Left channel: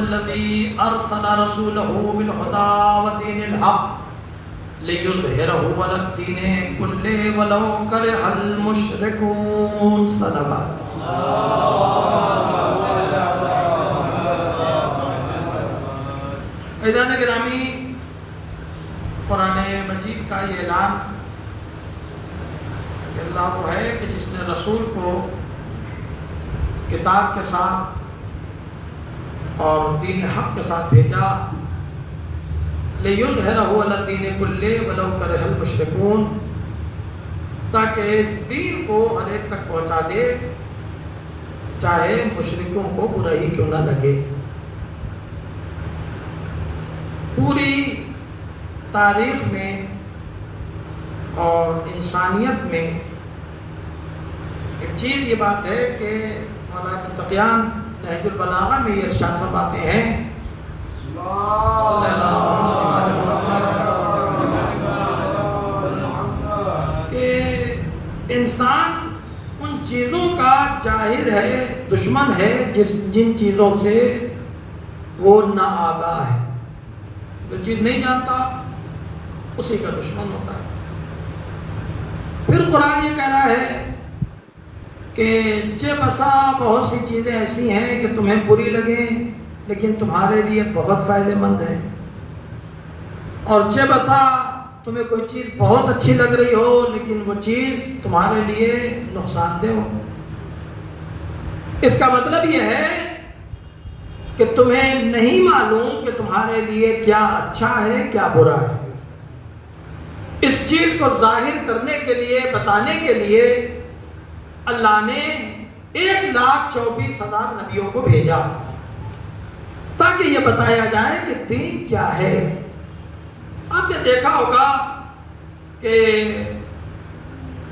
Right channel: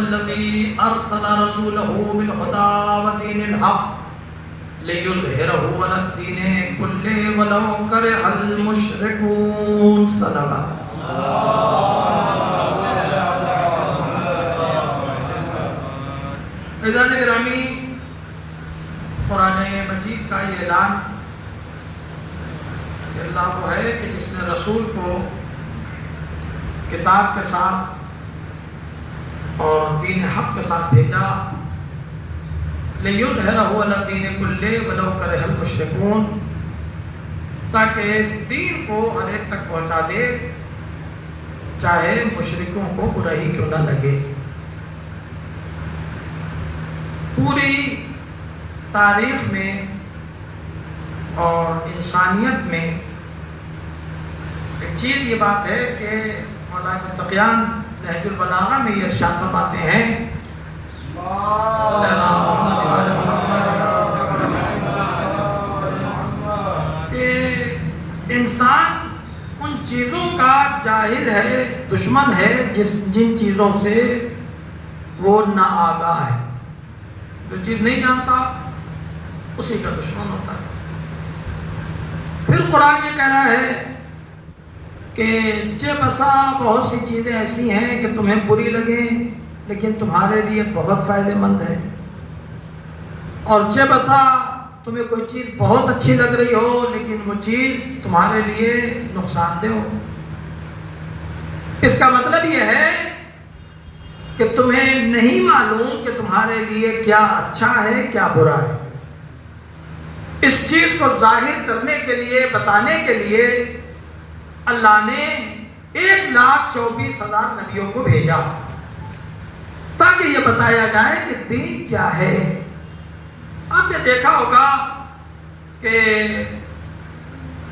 الذی ارسل رسولہ بالہدی ودین الحق لیظہرہ علی الدین کلہ ولو کرہ المشرکون. صلوات عزیزان گرامی، قرآن مجید کا یہ اعلان کہ اللہ وہ ہے کہ جس نے رسول کو کتاب کے ساتھ اور دین حق کے ساتھ بھیجا، لِيُظْهِرَهُ عَلَى الدِّينِ كُلِّهِ وَلَوْ كَرِهَ الْمُشْرِكُونَ، تاکہ اس دین کو ہر ایک تک پہنچا دے چاہے مشرکوں کو برا ہی کیوں نہ لگے. پوری تاریخ میں اور انسانیت میں ایک چیز یہ بات ہے کہ مولانا تقیان نہج البلاغہ میں یہ ارشاد فرماتے ہیں کہ انسان ان چیزوں کا جاہل ہے، دشمن ہے جن چیزوں سے وہ نا آگاہ ہے. جو چیز نہیں جانتا اسی کا دشمن ہوتا ہے. پھر قرآن یہ کہہ رہا ہے کہ چہ بسا بہت سی چیزیں ایسی ہیں کہ تمہیں بری لگیں لیکن تمہارے لیے بہت فائدہ مند ہے، اور چہ بسا تمہیں کوئی چیز بہت اچھی لگ رہی ہو لیکن وہ چیز تمہارے لیے نقصان دہ ہو. اس کا مطلب یہ ہے کہ تمہیں نہیں معلوم کہ تمہارے لیے کیا اچھا ہے کیا برا ہے. اس چیز کو ظاہر کرنے کے لیے، بتانے کے لیے اللہ نے 1,24,000 نبیوں کو بھیجا تاکہ یہ بتایا جائے کہ دین کیا ہے. آپ نے دیکھا ہوگا کہ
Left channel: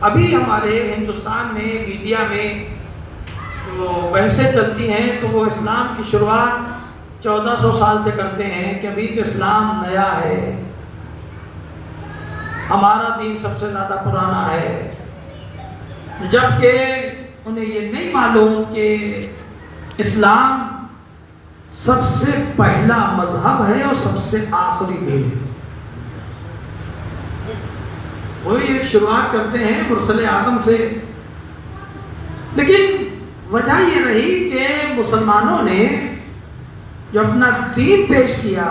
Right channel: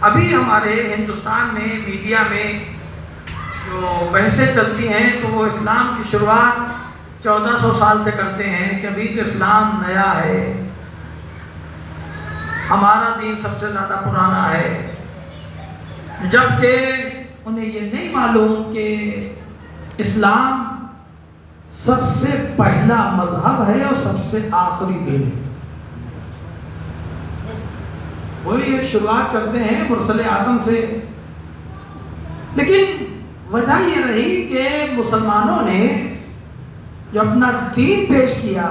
ابھی ہمارے ہندوستان میں میڈیا میں جو بحثیں چلتی ہیں تو وہ اسلام کی شروعات 1400 سال سے کرتے ہیں کہ ابھی تو اسلام نیا ہے، ہمارا دین سب سے زیادہ پرانا ہے، جبکہ انہیں یہ نہیں معلوم کہ اسلام سب سے پہلا مذہب ہے اور سب سے آخری دین ہے. وہی شروعات کرتے ہیں مرسل آدم سے، لیکن وجہ یہ رہی کہ مسلمانوں نے جو اپنا دین پیش کیا،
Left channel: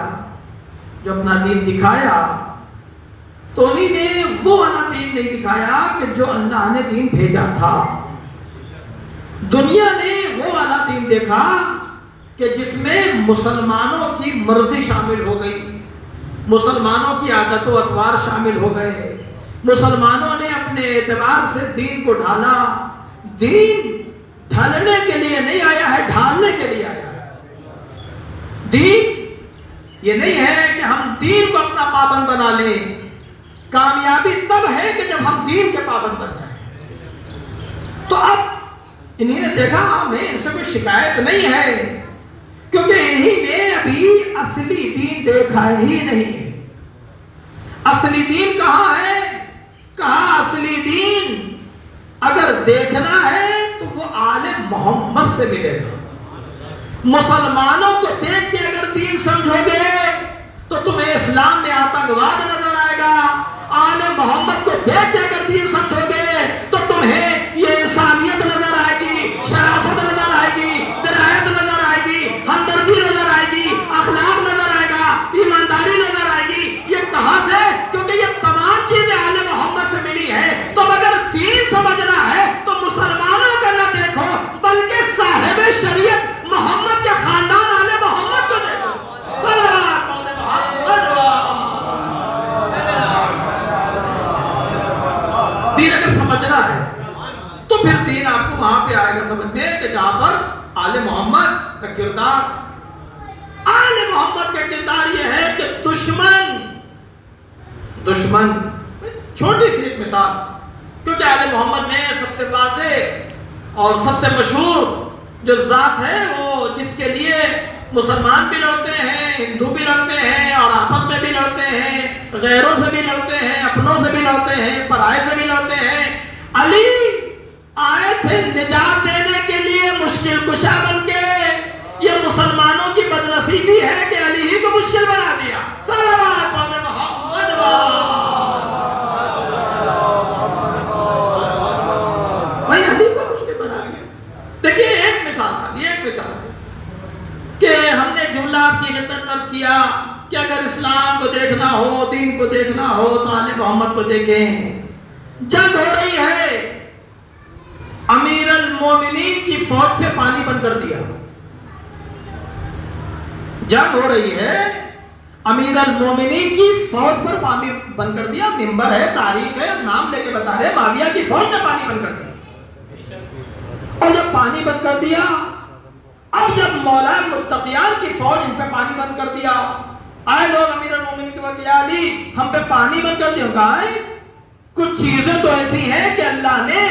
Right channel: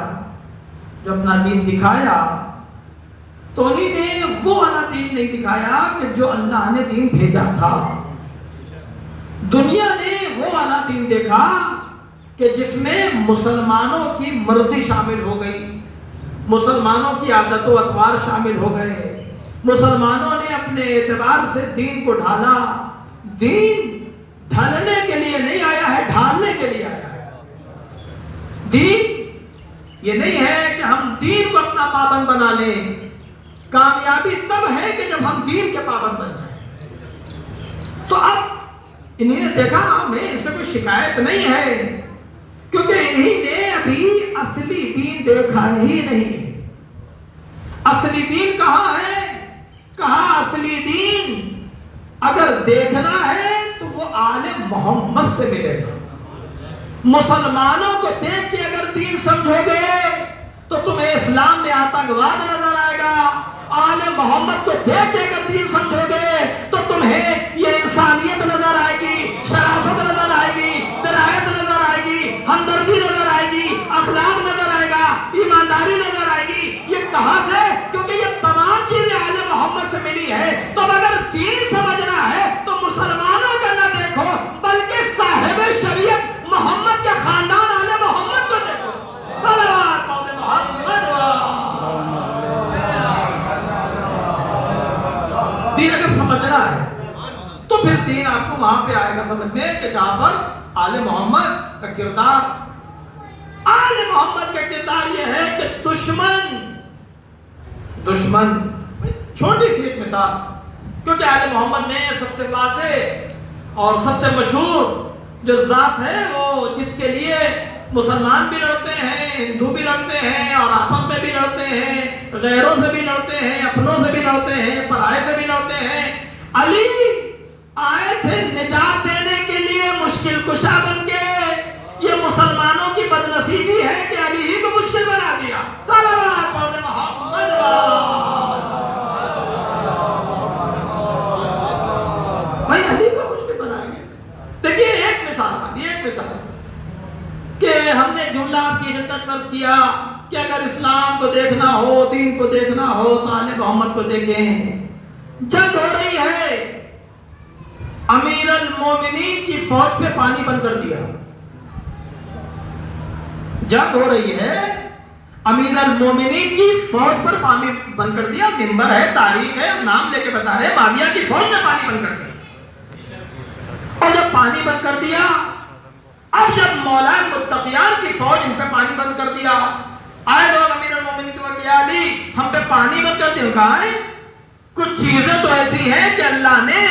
جو اپنا دین دکھایا، تو انہیں نے وہ والا دین نہیں دکھایا کہ جو اللہ نے دین بھیجا تھا. دنیا نے وہ والا دین دیکھا کہ جس میں مسلمانوں کی مرضی شامل ہو گئی، مسلمانوں کی عادت و اطوار شامل ہو گئے، مسلمانوں نے اپنے اعتبار سے دین کو ڈھالا. دین ڈھالنے کے لیے نہیں آیا ہے، ڈھالنے کے لیے آیا ہے. دین یہ نہیں ہے کہ ہم دین کو اپنا پابند بنا لیں. کامیابی تب ہے کہ جب ہم دین کے پابند بن جائیں. تو اب انہی نے دیکھا ہمیں ان سے کوئی شکایت نہیں ہے کیونکہ انہی نے ابھی اصلی دین دیکھا ہی نہیں ہے. اصلی دین کہاں ہے؟ کہا اصلی دین اگر دیکھنا ہے تو وہ آل محمد سے ملے گا. مسلمانوں کو دیکھ کے اگر دین سمجھو گے تو تمہیں اسلام میں آتنکواد نظر آئے گا. آل محمد کو دیکھ کے اگر دین سمجھو گے تو تمہیں یہ انسانیت نظر آئے گی، شرافت نظر آئے گی، درایت نظر آئے گی، ہمدردی نظر آئے گی، اخلاق نظر آئے گا، ایمانداری نظر آئے گی. یہ کہاں سے؟ کیونکہ یہ تمام چیزیں آل محمد سے ملی ہے. تو اگر دین سمجھنا ہے تو مسلمانوں کا نہ دیکھو بلکہ صاحب شریعت محمد کے خاندان آل محمد کو دیکھو. دین اگر سمجھنا ہے تو پھر دین آپ کو وہاں پہ آئے گا سمجھ میں کہ جہاں پر آل محمد کا کردار. آل محمد کا کردار یہ ہے کہ دشمن چھوٹی سی ایک مثال، کیونکہ آل محمد میں سب سے واضح اور سب سے مشہور جو ذات ہے وہ جس کے لیے مسلمان بھی لڑتے ہیں، ہندو بھی لڑتے ہیں، اور آپس میں بھی لڑتے ہیں، غیروں سے بھی لڑتے ہیں، اپنوں سے بھی لڑتے ہیں، پرائے سے بھی لڑتے ہیں. علی آئے تھے نجات دینے کے لیے مشکل کشا بن کے. یہ مسلمانوں کی بدنصیبی نے جملہ آپ کی خدمت میں عرض کیا کہ اگر اسلام کو دیکھنا ہو، دین کو دیکھنا ہو تو آل محمد کو دیکھیں۔ جنگ ہو رہی ہے، امیر المومنین کی فوج پہ پانی بند کر دیا۔ جنگ ہو رہی ہے، امیر المومنین کی فوج پر پانی بند کر دیا۔ منبر ہے، تاریخ ہے، نام لے کے بتا رہے، معاویہ کی فوج نے پانی بند کر دیا۔ اور جب پانی بند کر دیا، اب جب مولا متقیان کی فوج ان پہ پانی بند کر دیا، آئے لوگ امیر المومنین کے وقت، یا علی ہم پہ پانی بند کر دیا۔ کہا ہے کچھ چیزیں تو ایسی ہیں کہ اللہ نے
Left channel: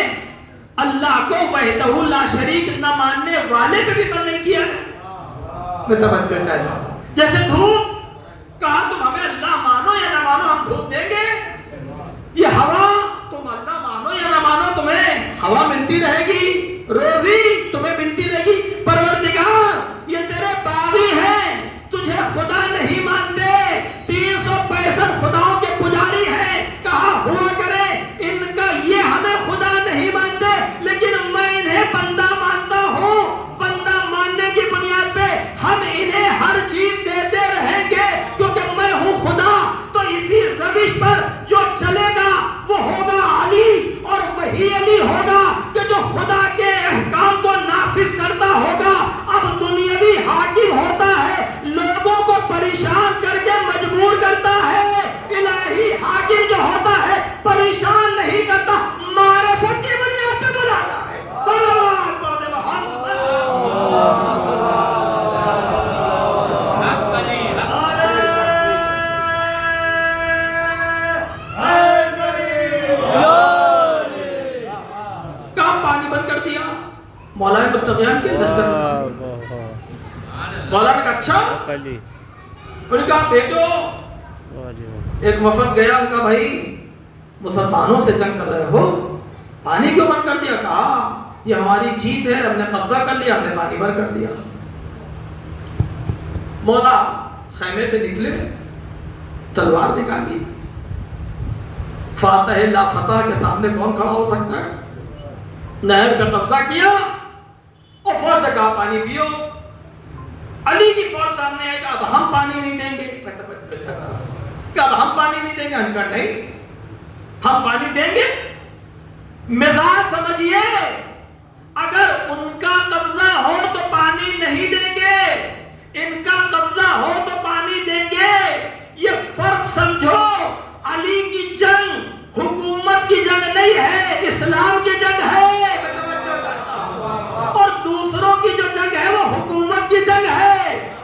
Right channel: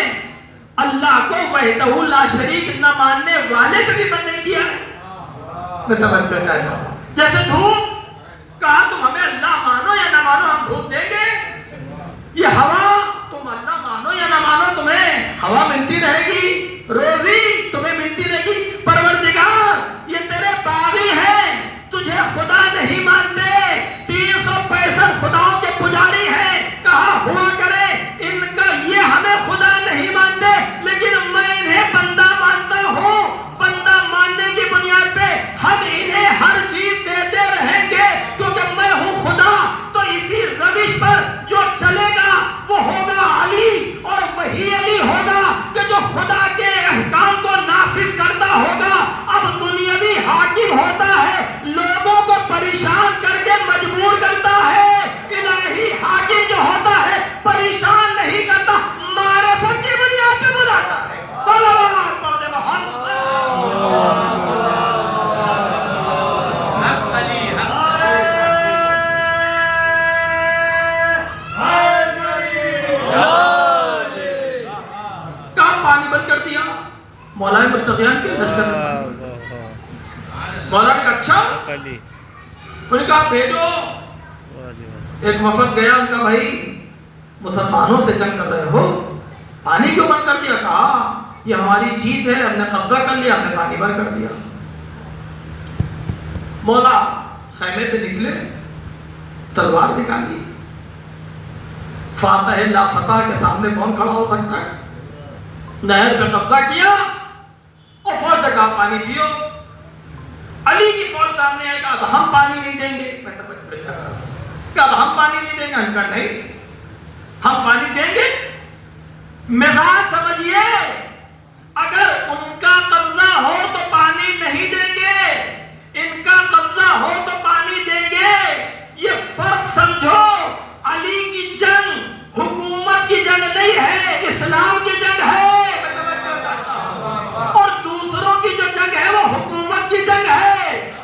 اللہ کو وحدہ لا شریک نہ ماننے والے کو بھی بند نہیں کیا ہے۔ میں توجہ چاہتا ہوں، جیسے دھوپ، کہا تم ہمیں اللہ مانو یا نہ مانو ہم دھوپ دیں گے۔ یہ ہوا، تم اللہ مانو یا نہ مانو تمہیں ہوا ملتی رہے گی، روزی تمہیں ملتی رہے گی۔ پروردگار یہ تیرے باغی ہیں، تجھے خدا نہیں مانتے، 365 خداؤں کے پجاری ہیں، کہا ہوا کرے ان کا یہ ہمیں خدا نہیں مانتے، لیکن میں انہیں بندہ مانتا ہوں۔ بندہ ماننے کی بنیاد پہ ہم انہیں ہر چیز دیتے رہیں گے، کیونکہ میں ہوں خدا۔ تو اسی روش پر جو چلے گا وہ ہوگا علی، اور وہی علی ہوگا کہ جو خدا کے احکام کو نافذ کرتا ہوگا۔ اب دنیاوی حاکم ہوتا ہے، لوگوں کو پریشان کر کے مجبور کرتا ہے، الہی حاکم جو ہوتا ہے پریشان نہیں کرتا، معرفت کی بنیاد پہ بلاتا ہے۔ صلوات پڑھتے محمد۔ کہاں پانی بند کر دیا؟ مولا متقیان کے لشکر۔ مولا نے کہا اچھا، انہوں نے کہا بھیجو۔ ایک وفد گیا، ان کا بھائی مسلمانوں سے جنگ کر رہے ہو، پانی کیوں بند کر دیا؟ کہا یہ ہماری جیت ہے، ہم نے قبضہ کر لیا، ہم نے پانی بند کر دیا۔ مولا خیمے سے نکلے، تلوار نکال لی۔ فاتح لا فتح کے سامنے کون کھڑا ہو سکتا ہے؟ نہر پہ قبضہ کیا اور فوج سے کہا پانی پیو۔ علی کی فوج سامنے آئے گا، اب ہم پانی نہیں دیں گے۔ کہ اب ہم پانی نہیں دیں گے؟ ہم کہا نہیں، ہم پانی دیں گے۔ مزاج سمجھیے، اگر ان کا قبضہ ہو تو پانی نہیں دیں گے، ان کا قبضہ ہو تو پانی دیں گے۔ یہ فرق سمجھو، علی کی جنگ حکومت کی جنگ نہیں ہے، اسلام کی جنگ ہے، اور دوسروں کی جو جنگ ہے وہ حکومت کی جنگ ہے۔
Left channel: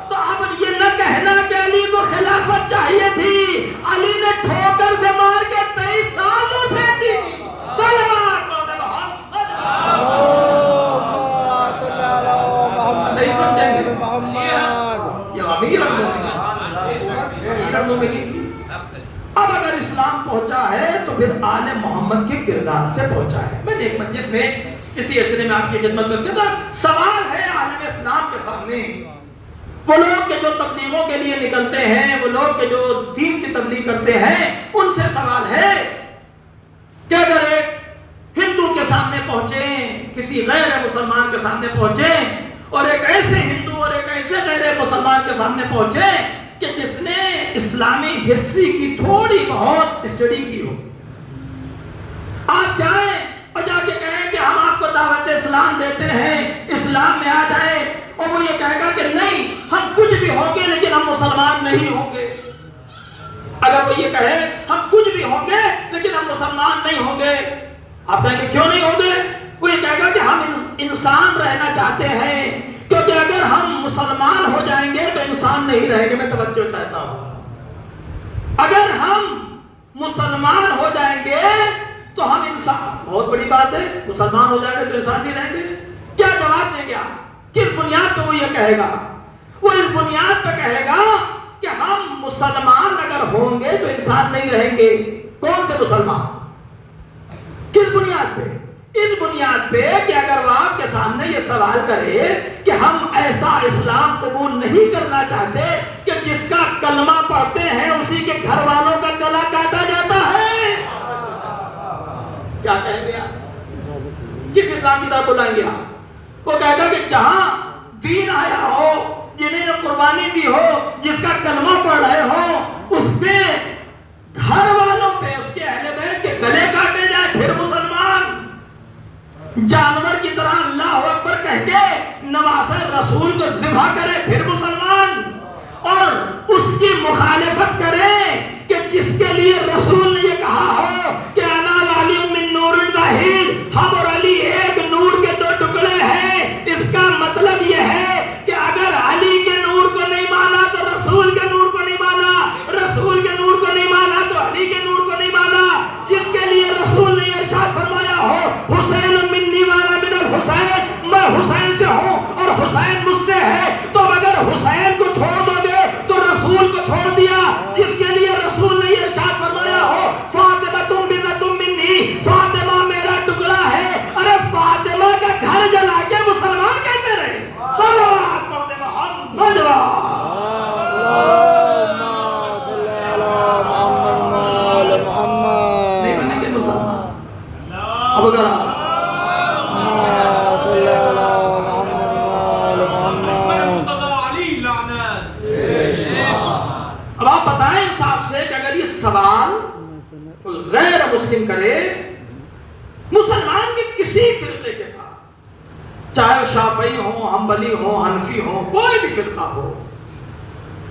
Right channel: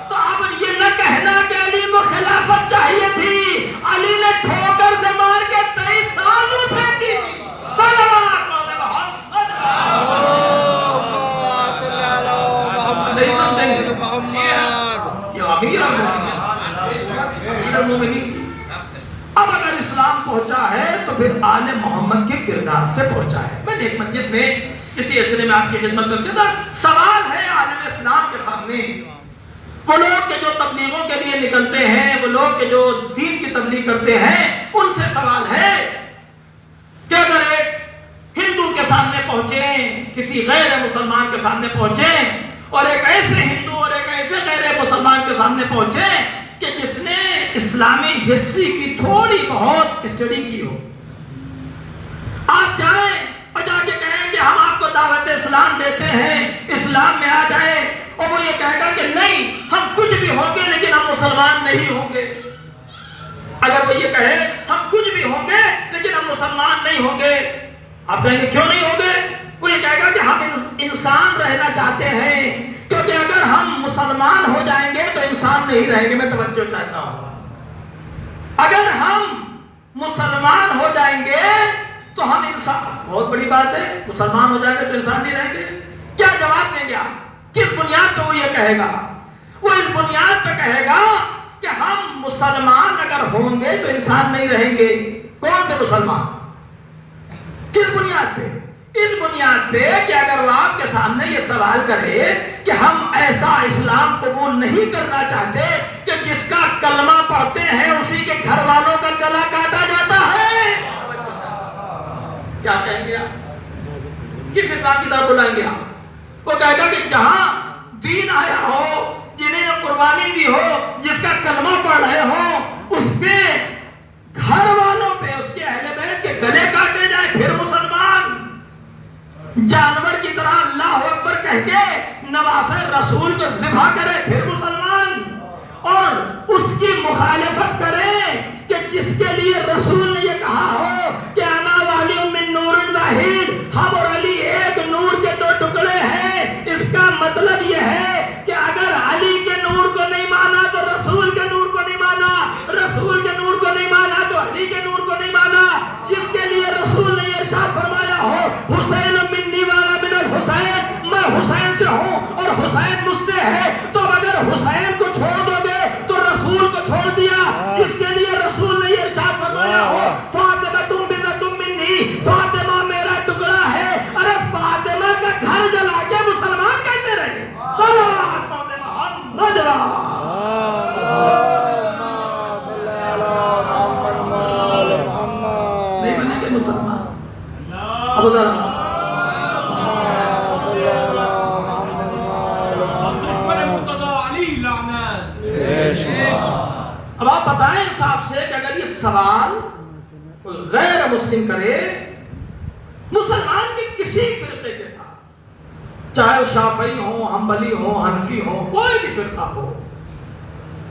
تو اب یہ نہ کہنا کہ علی کو خلافت چاہیے تھی، علی نے ٹھوکر سے مار کے 23 سال میں پھینکی تھی۔ صلوات نہیں سمجھیں گے یہ امیر المومنین کی۔ اب اگر اسلام پہنچا ہے تو پھر آل محمد کے کردار سے پہنچا ہے۔ میں نے ایک مجلس میں اسی عشرے میں آپ کی خدمت میں کیا تھا، سوال ہے عالم اسلام کے سامنے، وہ لوگ کے جو تبلیغوں کے لیے نکلتے ہیں، وہ لوگ کے جو دین کی تبلیغ کرتے ہیں، ان سے سوال ہے کہ اگر ایک ہندو کے سامنے پہنچیں، کسی غیر مسلمان کے سامنے پہنچیں، اور ایک ایسے ہندو اور ایک ایسے غیر مسلمان کے سامنے پہنچیں کہ جس نے اسلامی ہسٹری کی تھوڑی بہت اسٹڈی کی ہو، آپ جائیں اور جا کے کہیں کہ ہم آپ کو دعوت اسلام دیتے ہیں، اسلام میں آ جائے، اور وہ یہ کہے گا کہ نہیں ہم کچھ بھی ہوں گے لیکن ہم مسلمان نہیں ہوں گے۔ اگر وہ یہ کہے ہم کچھ بھی ہوں گے لیکن ہم مسلمان نہیں ہوں گے، آپ کہیں گے کیوں نہیں ہوں گے؟ وہ یہ کہے گا کہ ہم انسان رہنا چاہتے ہیں، کیونکہ اگر ہم مسلمان ہو جائیں گے تو انسان نہیں رہیں گے۔ میں توجہ چاہتا ہوں، اگر ہم مسلمان ہو جائیں گے تو ہم انسان، بہت بڑی بات ہے، مسلمان ہو جائیں گے تو انسان نہیں رہیں گے۔ کیا جواب دیں گے آپ؟ کس بنیاد پہ وہ یہ کہے گا؟ وہ اس بنیاد پہ کہے گا کہ ہم مسلمان اگر ہوں گے تو انسان نہیں رہیں گے۔ کون سے مسلمان؟ کس بنیاد پہ؟ اس بنیاد پہ کہ اگر وہ آپ کے سامنے یہ سوال کرے کہ ہم ایسا اسلام قبول نہیں کرنا چاہتے کہ جس کا کلمہ پڑھتے ہیں اسی کے گھر والوں کا گلا کاٹا جاتا ہے، کیا کہیں گے آپ؟ کس اسلام کی طرف بلائیں گے آپ؟ وہ کہے گا کہ جہاں دین آیا ہو، جنہیں قربان قربانی دی ہو، جس کا کلمہ پڑھ رہے ہو، اس کے گھر والوں پہ، اس کے اہل بیت کے گلے کاٹے جائے، پھر مسلمان جانور کی طرح اللہ اکبر کہہ کے نواسہ رسول کو ذبح کرے، پھر مسلمان، اور اس کی مخالفت کرے کہ جس کے لیے رسول نے یہ کہا ہو کہ انا والی من نور واحد، ہم اور علی ایک نور کے دو ٹکڑے ہیں، اس کا مطلب یہ ہے کہ اگر علی کے نور کو نہیں مانا تو رسول کے نور کو نہیں مانا، رسول کے نور کو نہیں مانا تو علی کے نور کو نہیں مانا۔ جس کے لیے رسول نے ارشاد فرمایا ہو حسین منی والا من الحسین، میں حسین سے ہوں اور حسین مجھ سے ہے، تو اگر حسین کو چھوڑ دو گے تو رسول کو چھوڑ دیا۔ جس کے لیے رسول نے یہ ارشاد فرمایا ہو فاطمہ تم بنت منی، فاطمہ میرا ٹکڑا ہے، ارے فاطمہ کا گھر جلا کے مسلمان کیسے رہے؟ صلوات محمد نہیں بنے گے مسلمان۔ اب اگر اب آپ بتائیں انصاف سے کہ اگر یہ سوال غیر مسلم کرے، مسلمان کے کسی فرقے کے پاس، چاہے شافعی ہوں، حنبلی ہوں، حنفی ہوں، کوئی بھی فرقہ ہو،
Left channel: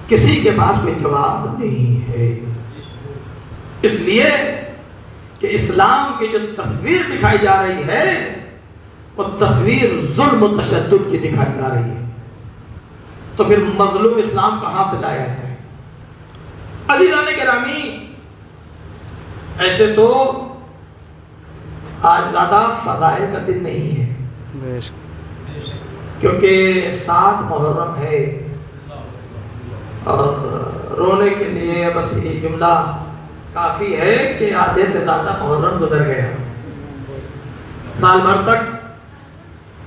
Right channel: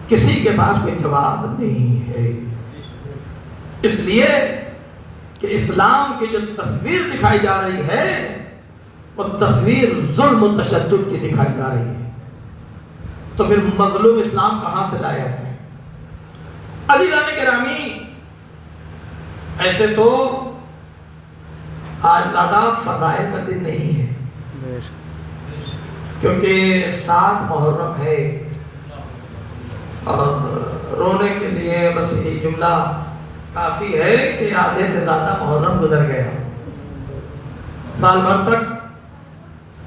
کسی کے پاس کوئی جواب نہیں ہے۔ اس لیے کہ اسلام کی جو تصویر دکھائی جا رہی ہے وہ تصویر ظلم و تشدد کی دکھائی جا رہی ہے، تو پھر مظلوم اسلام کہاں سے لایا جائے؟ عزیزان گرامی، ایسے تو آج زیادہ فضائل کا دن نہیں ہے، کیونکہ 7 محرم ہے، اور رونے کے لیے بس یہی جملہ کافی ہے کہ آدھے سے زیادہ محرم گزر گیا۔ سال بھر تک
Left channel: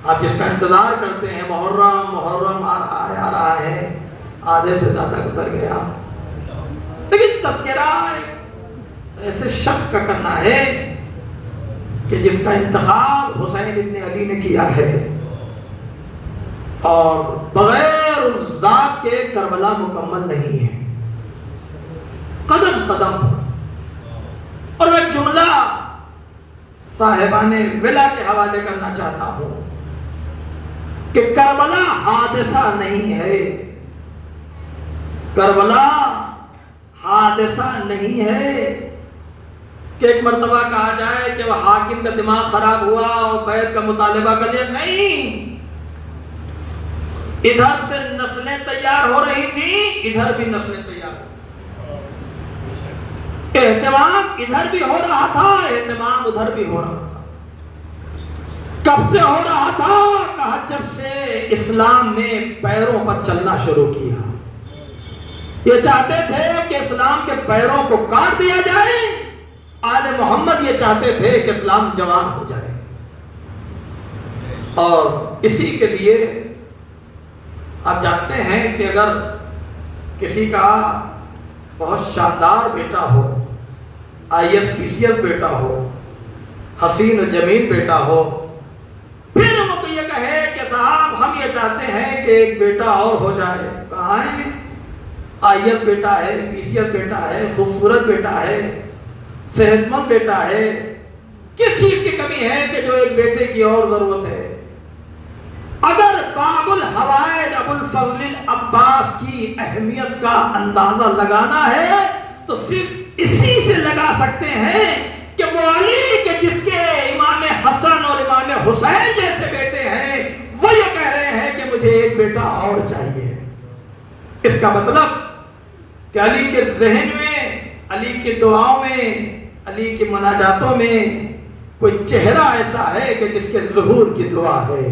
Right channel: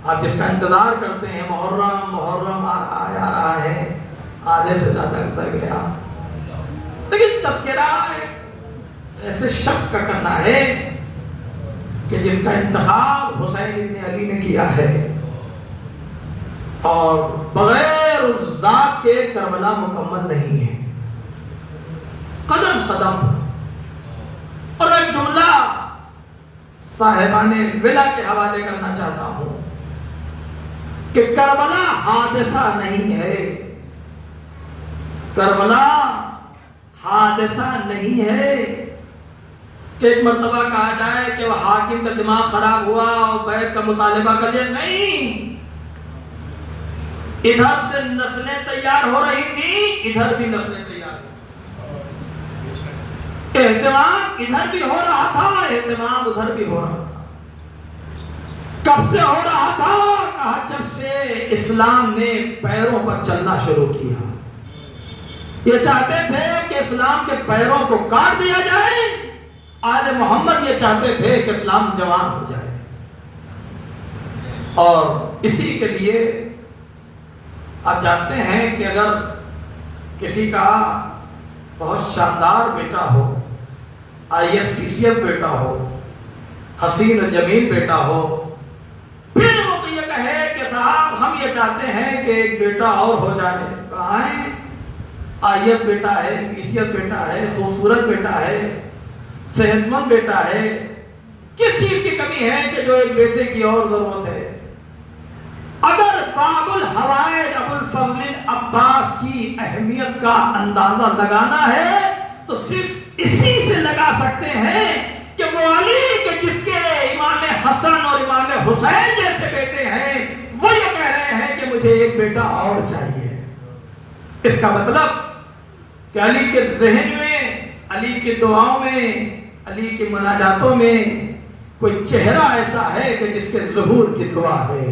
آپ جس کا انتظار کرتے ہیں، محرم آ رہا ہے، آدھے سے زیادہ گزر گیا۔ لیکن تذکرہ ایسے شخص کا کرنا ہے کہ جس کا انتخاب حسین ابن علی نے کیا ہے، اور بغیر اس ذات کے کربلا مکمل نہیں ہے، قدم قدم۔ اور میں جملہ صاحبان ولا کے حوالے کرنا چاہتا ہوں کہ کربلا حادثہ نہیں ہے، کربلا حادثہ نہیں ہے کہ ایک مرتبہ کہا جائے کہ وہ حاکم کا دماغ خراب ہوا اور بیعت کا مطالبہ کر لیا، نہیں۔ ادھر سے نسلیں تیار ہو رہی تھی، ادھر بھی نسلیں تیار ہو، اہتمام ادھر بھی ہو رہا تھا، اہتمام ادھر بھی ہو رہا تھا۔ کب سے ہو رہا تھا؟ کہا جب سے اسلام نے پیروں پر چلنا شروع کیا۔ یہ چاہتے تھے کہ اسلام کے پیروں کو کاٹ دیا جائے، آل محمد یہ چاہتے تھے کہ اسلام جوان ہو جائے، اور اسی کے لیے آپ جانتے ہیں کہ اگر کسی کا بہت شاندار بیٹا ہو، IAS PCS بیٹا ہو، حسین و جمیل بیٹا ہو، پھر وہ یہ کہے کہ صاحب ہم یہ چاہتے ہیں کہ ایک بیٹا اور ہو جائے، کہاں ہے؟ IAS بیٹا ہے، PCS بیٹا ہے، خوبصورت بیٹا ہے، صحت مند بیٹا ہے، کس چیز کی کمی ہے کہ جو ایک بیٹے کی اور ضرورت ہے؟ اگر باب الحوائج ابو الفضل العباس کی اہمیت کا اندازہ لگانا ہے تو صرف اسی سے لگا سکتے ہیں کہ وہ علی کے جس کے امام حسن اور امام حسین جیسے بیٹے ہیں، وہ یہ کہہ رہے ہیں کہ مجھے ایک بیٹا اور چاہیے۔ اس کا مطلب کہ علی کے ذہن میں، علی کی دعاؤں میں، علی کی مناجاتوں میں کوئی چہرہ ایسا ہے کہ جس کے ظہور کی دعا ہے۔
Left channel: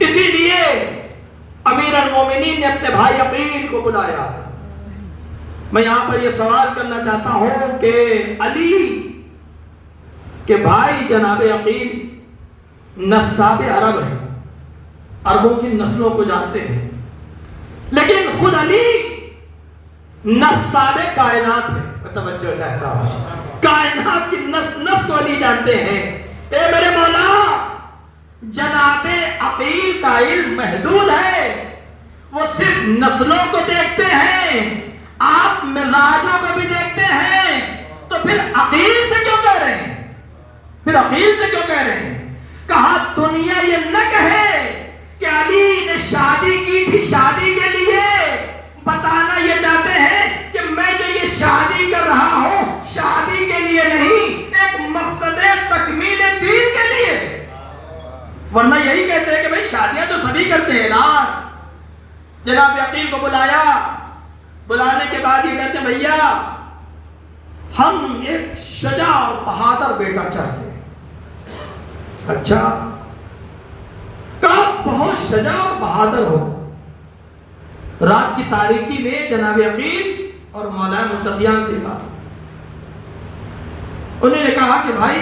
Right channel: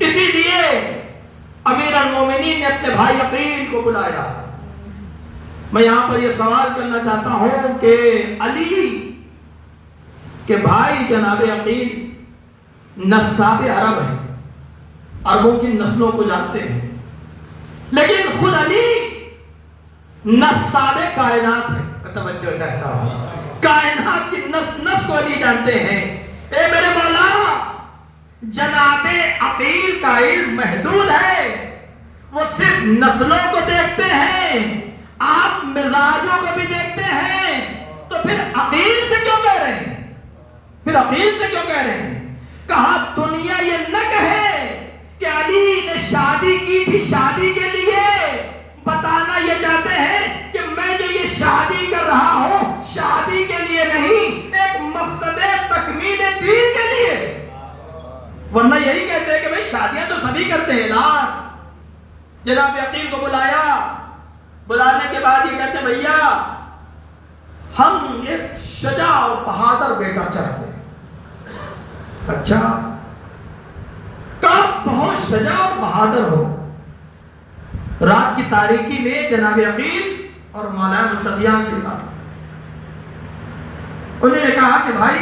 اسی لیے امیر المومنین نے اپنے بھائی عقیل کو بلایا۔ میں یہاں پر یہ سوال کرنا چاہتا ہوں کہ علی کے بھائی جناب عقیل نساب عرب ہیں، عربوں کی نسلوں کو جانتے ہیں، لیکن خود علی نساب کائنات ہے۔ توجہ چاہتا ہوں، کائنات کی نس کو علی جانتے ہیں۔ اے میرے مولا، جناب عقیل کا علم محدود ہے، وہ صرف نسلوں کو دیکھتے ہیں، آپ مزاجوں کو بھی دیکھتے ہیں، تو پھر عقیل سے کیوں کہہ رہے ہیں؟ پھر عقیل سے کیوں کہہ رہے ہیں؟ کہا دنیا یہ نہ کہے کہ علی نے شادی کی تھی شادی کے لیے، بتانا یہ چاہتے ہیں کہ میں جو یہ شادی کر رہا ہوں شادی کے لیے نہیں، ایک مقصد تکمیل دین کے لیے۔ ورنہ یہی کہتے ہیں کہ بھئی شادیاں تو سبھی کرتے ہیں نا۔ جناب عقیل کو بلایا، بلانے کے بعد یہ کہتے ہیں بھیا ہم ایک شجاع اور بہادر بیٹا چاہتے ہیں۔ اچھا، کہا بہت شجاع اور بہادر ہو۔ رات کی تاریکی میں جناب عقیل اور مولانا متقیان سے کہا، انہوں نے کہا کہ بھائی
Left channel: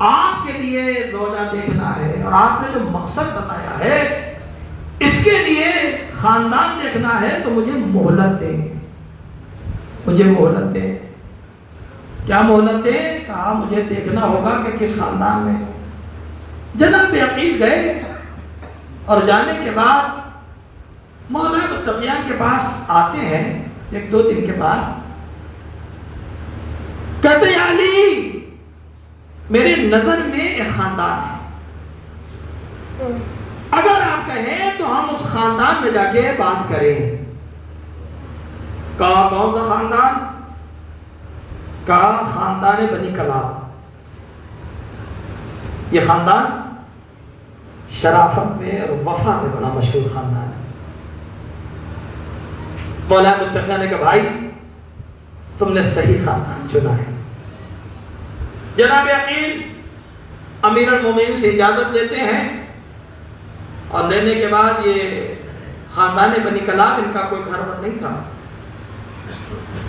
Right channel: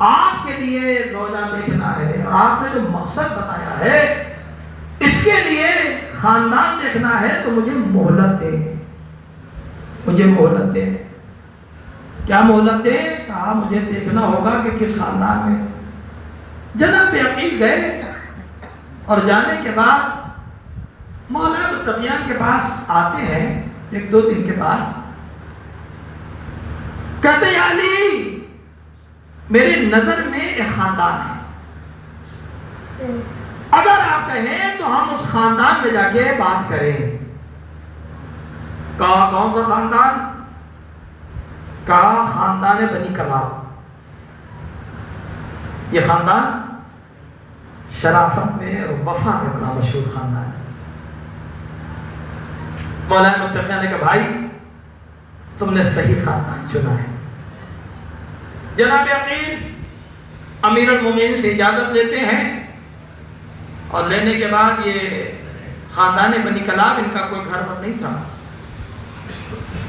آپ کے لیے روزہ دیکھنا ہے اور آپ نے جو مقصد بتایا ہے اس کے لیے خاندان دیکھنا ہے تو مجھے مہلت دے، مجھے مہلت دے۔ کیا مہلت دے؟ کہا مجھے دیکھنا ہوگا کہ کس خاندان میں۔ جناب عقیل گئے اور جانے کے بعد مولانا متقیان کے پاس آتے ہیں ایک دو دن کے بعد، کہتے ہیں علی میری نظر میں ایک خاندان ہے، اگر آپ کہیں تو ہم اس خاندان میں جا کے بات کریں۔ کہا کون سا خاندان؟ کہا خاندان بنی کلاب۔ یہ خاندان شرافت میں اور وفا میں بڑا مشہور خاندان ہے۔ مولانا متقیان نے کہا بھائی تم نے صحیح خاندان چنا ہے۔ جناب عقیل امیر المومنین سے اجازت لیتے ہیں اور لینے کے بعد یہ خاندان بنی کلاب ان کا کوئی گھر پر نہیں تھا،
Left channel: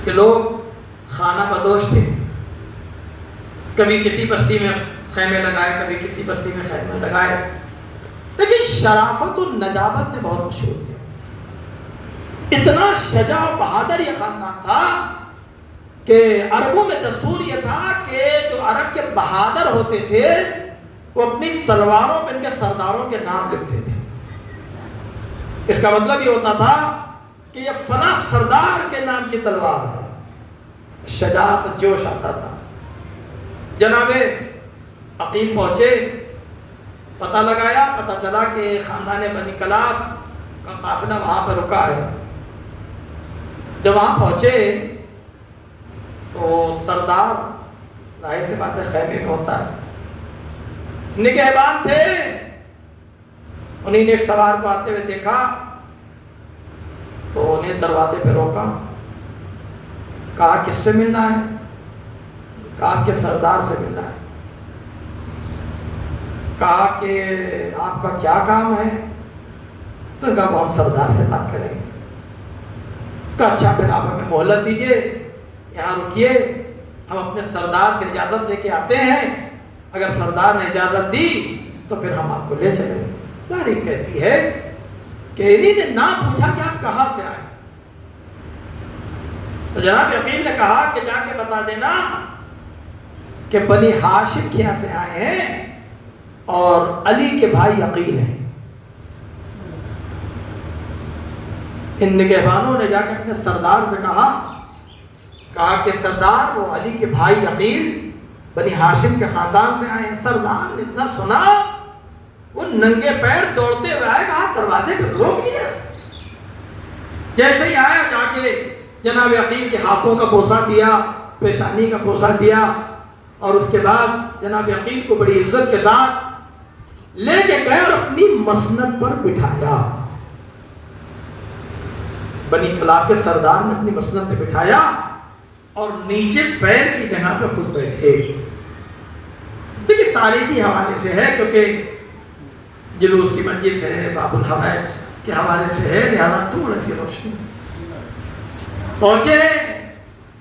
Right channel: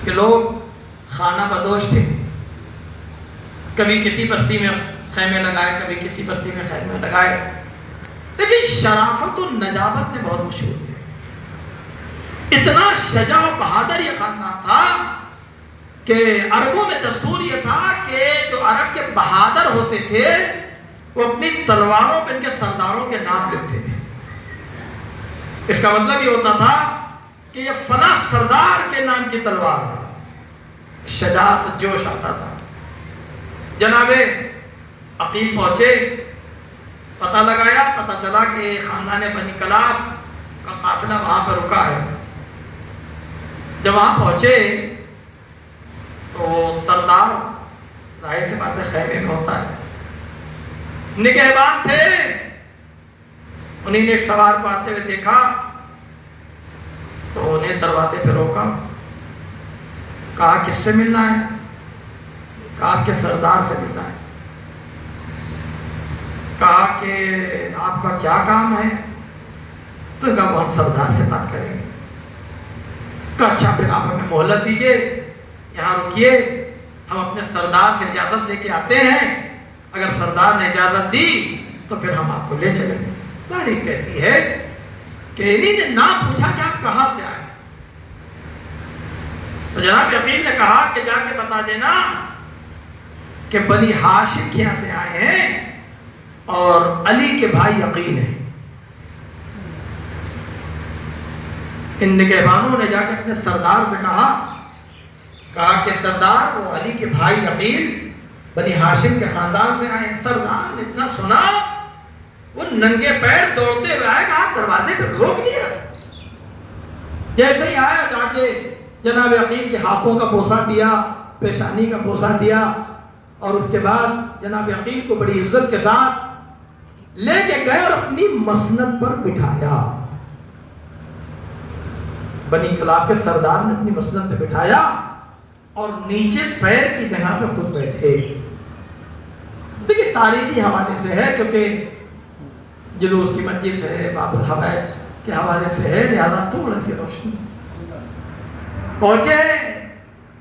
کہ لوگ خانہ بدوش تھے، کبھی کسی بستی میں خیمے لگائے کبھی کسی بستی میں خیمے لگائے، لیکن شرافت و نجابت میں بہت مشہور تھے۔ اتنا شجاع و بہادر یہ خاندان تھا کہ عربوں میں دستور یہ تھا کہ جو عرب کے بہادر ہوتے تھے وہ اپنی تلواروں پہ ان کے سرداروں کے نام لکھتے تھے۔ اس کا مطلب یہ ہوتا تھا کہ یہ فلاں سردار کے نام کی تلوار ہے۔ شجاعت جوش آتا تھا۔ جناب عقیل پہنچے، پتہ لگایا، پتہ چلا کہ خاندان بنی کلاب کا قافلہ وہاں پر رکا ہے۔ جب وہاں پہنچے تو سردار ظاہر سی بات ہے خیمے میں ہوتا ہے، نگہبان تھے، انہیں نے ایک سوار کو آتے ہوئے دیکھا تو انہیں دروازے پہ روکا، کہا کس سے ملنا ہے؟ کہا کہ سردار سے ملنا ہے۔ کہا کہ آپ کا کیا کام ہے؟ تو کہا وہ ہم سردار سے بات کریں گے۔ کہا اچھا پھر آپ ہمیں مہلت دیجئے، یہاں رکیے، ہم اپنے سردار سے اجازت لے کے آتے ہیں، اگر سردار نے اجازت دی تو پھر ہم آپ کو لے چلیں گے۔ تاریخ کہتی ہے کہ انہی نے نہ پوچھا کہ آپ کہاں سے آئے، تو جناب عقیل نے کہا کہ جا کے بتا دینا کہ بنی ہاشم کے یہاں سے آئے ہیں اور علی کے بھائی عقیل ہیں۔ ان نگہبانوں نے جا کے اپنے سردار سے کہا کہ سردار وہ علی کے بھائی عقیل بنی ہاشم کے خاندان سے آئے ہیں۔ سردار نے اتنا سنا وہ ننگے پیر دوڑتے ہوئے آئے، کہا دروازے پہ روک لیا۔ جیسے ہی آیا جا کے جناب عقیل کے ہاتھوں کا بوسہ دیا، پیشانی کا بوسہ دیا، اور اس کے بعد جناب عقیل کو بڑی عزت کے ساتھ لے کے گئے اور اپنی مسند پر بٹھایا۔ بنی کلاب کے سردار نے اپنی مسند پہ بٹھایا اور نیچے پیر کی جگہ پر خود بیٹھے۔ دیکھیں تاریخی حوالے سے ہے، کیونکہ جلوس کی مجلس ہے، باب الحوائج کے حوالے سے ہے، لہذا تھوڑا سی روشنی۔ پہنچے،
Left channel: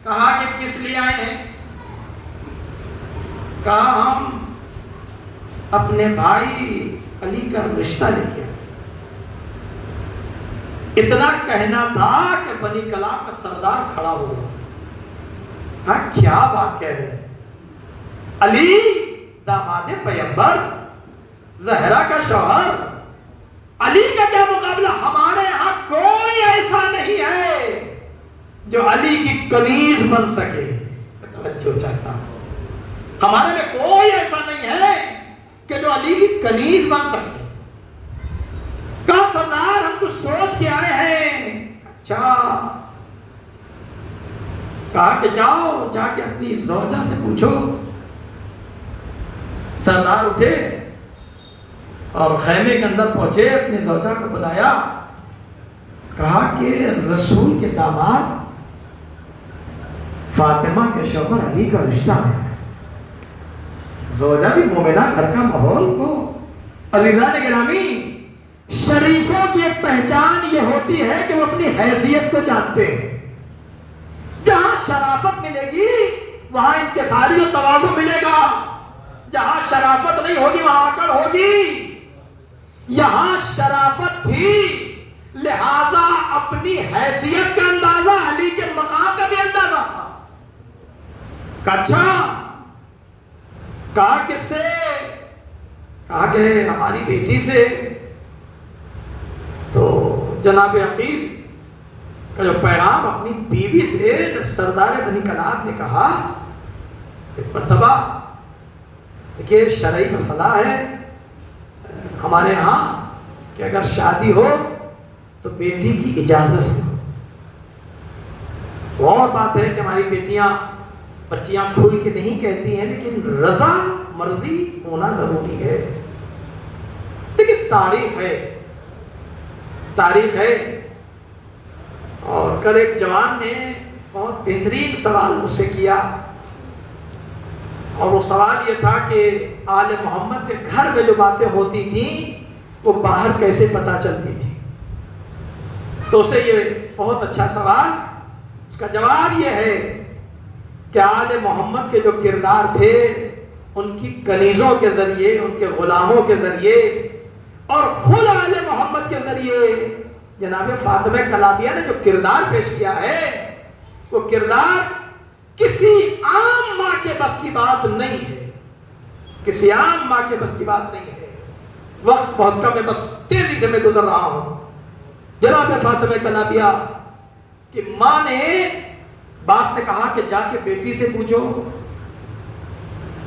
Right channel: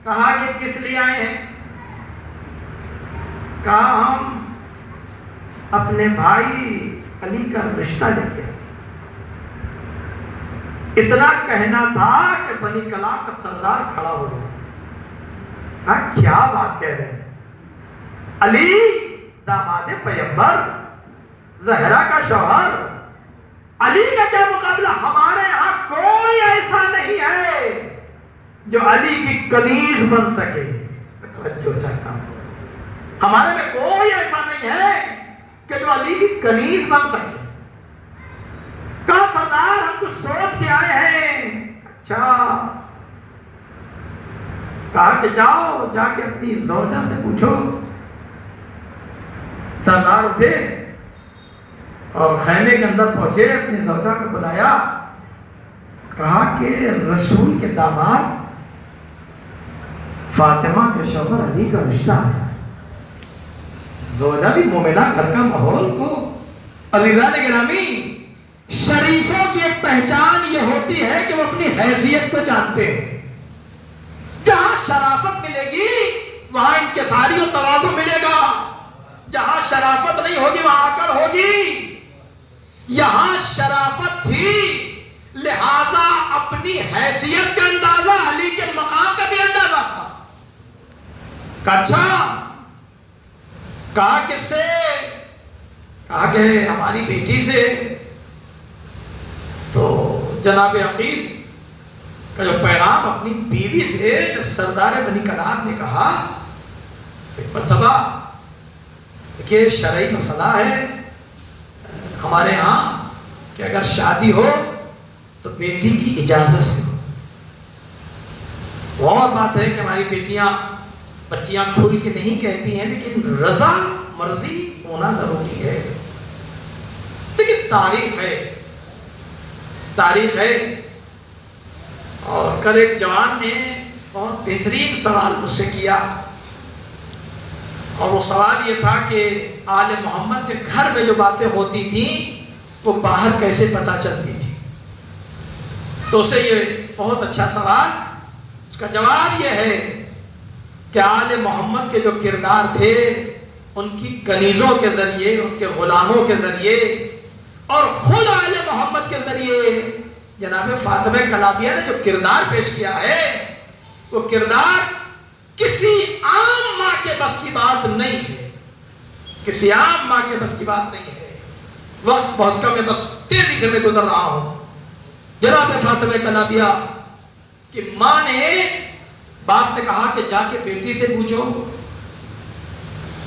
کہا کہ کس لیے آئے ہیں؟ کہا ہم اپنے بھائی علی کا رشتہ لے کے آئے۔ اتنا کہنا تھا کہ بنی کلاب کا سردار کھڑا ہو گیا۔ کہا کیا بات کہہ رہے ہیں؟ علی داماد پیغمبر، زہرا کا شوہر، علی کا کیا مقابلہ؟ ہمارے یہاں کوئی ایسا نہیں ہے جو علی کی کنیز بن سکے. توجہ چاہتا ہوں، ہمارے میں کوئی ایسا نہیں ہے کہ جو علی کی کنیز بن سکے. کہا سردار ہم کچھ سوچ کے آئے ہیں. اچھا. کہا کہ جاؤ جا کے اپنی زوجہ سے پوچھو. سردار اٹھے اور خیمے کے اندر پہنچے، اپنی زوجہ کو بلایا. کہا کہ رسول کے داماد فاطمہ کے شوہر علی کا رشتہ ہے. زوجہ بھی مومنہ گھر کا ماحول کو. عزیزان گرامی، شریفوں کی ایک پہچان یہ ہوتی ہے کہ وہ اپنی حیثیت کو جانتے ہیں. جہاں شرافت ملے گی وہاں انکساری و تواضع ملے گا. جہاں شرافت نہیں ہوگی وہاں اکڑ ہوگی. یہاں شرافت تھی، لہذا اپنی حیثیت کا اندازہ، علی کے مقام کا بھی اندازہ تھا. اچھا. کہا کس سے؟ کہا کہ ہماری بیٹی سے. تو جناب عقیل کا جو پیغام اپنی بیوی سے سردار بنی کناب نے کہا کہ مرتبہ دیکھیے شرعی مسئلہ ہے ہمارے ہاں کہ اگر شادی ہو تو بیٹی کی اجازت سے. وہ اور بات ہے کہ ہماری بچیاں کھل کے نہیں کہتی ہیں، لیکن رضا مرضی ہونا ضروری ہے. لیکن تاریخ ہے. اور کل ایک جوان نے بہت بہترین سوال مجھ سے کیا، اور وہ سوال یہ تھا کہ آل محمد کے گھر میں جو باتیں ہوتی تھیں وہ باہر کیسے پتہ چلتی تھی. تو اسے یہ بہت اچھا سوال، اس کا جواب یہ ہے کہ آل محمد کے جو کردار تھے ان کی کنیزوں کے ذریعے، ان کے غلاموں کے ذریعے اور خود آل محمد کے ذریعے جناب فاطمہ کلابیہ نے جو کردار پیش کیا ہے وہ کردار کسی عام ماں کے بس کی بات نہیں ہے. کسی عام ماں کے بس کی بات نہیں ہے. وقت بہت کم ہے، بس تیزی سے میں گزر رہا ہوں. جناب فاطمہ کلابیہ کی ماں نے، باپ نے کہا کہ جا کے بیٹی سے پوچھو.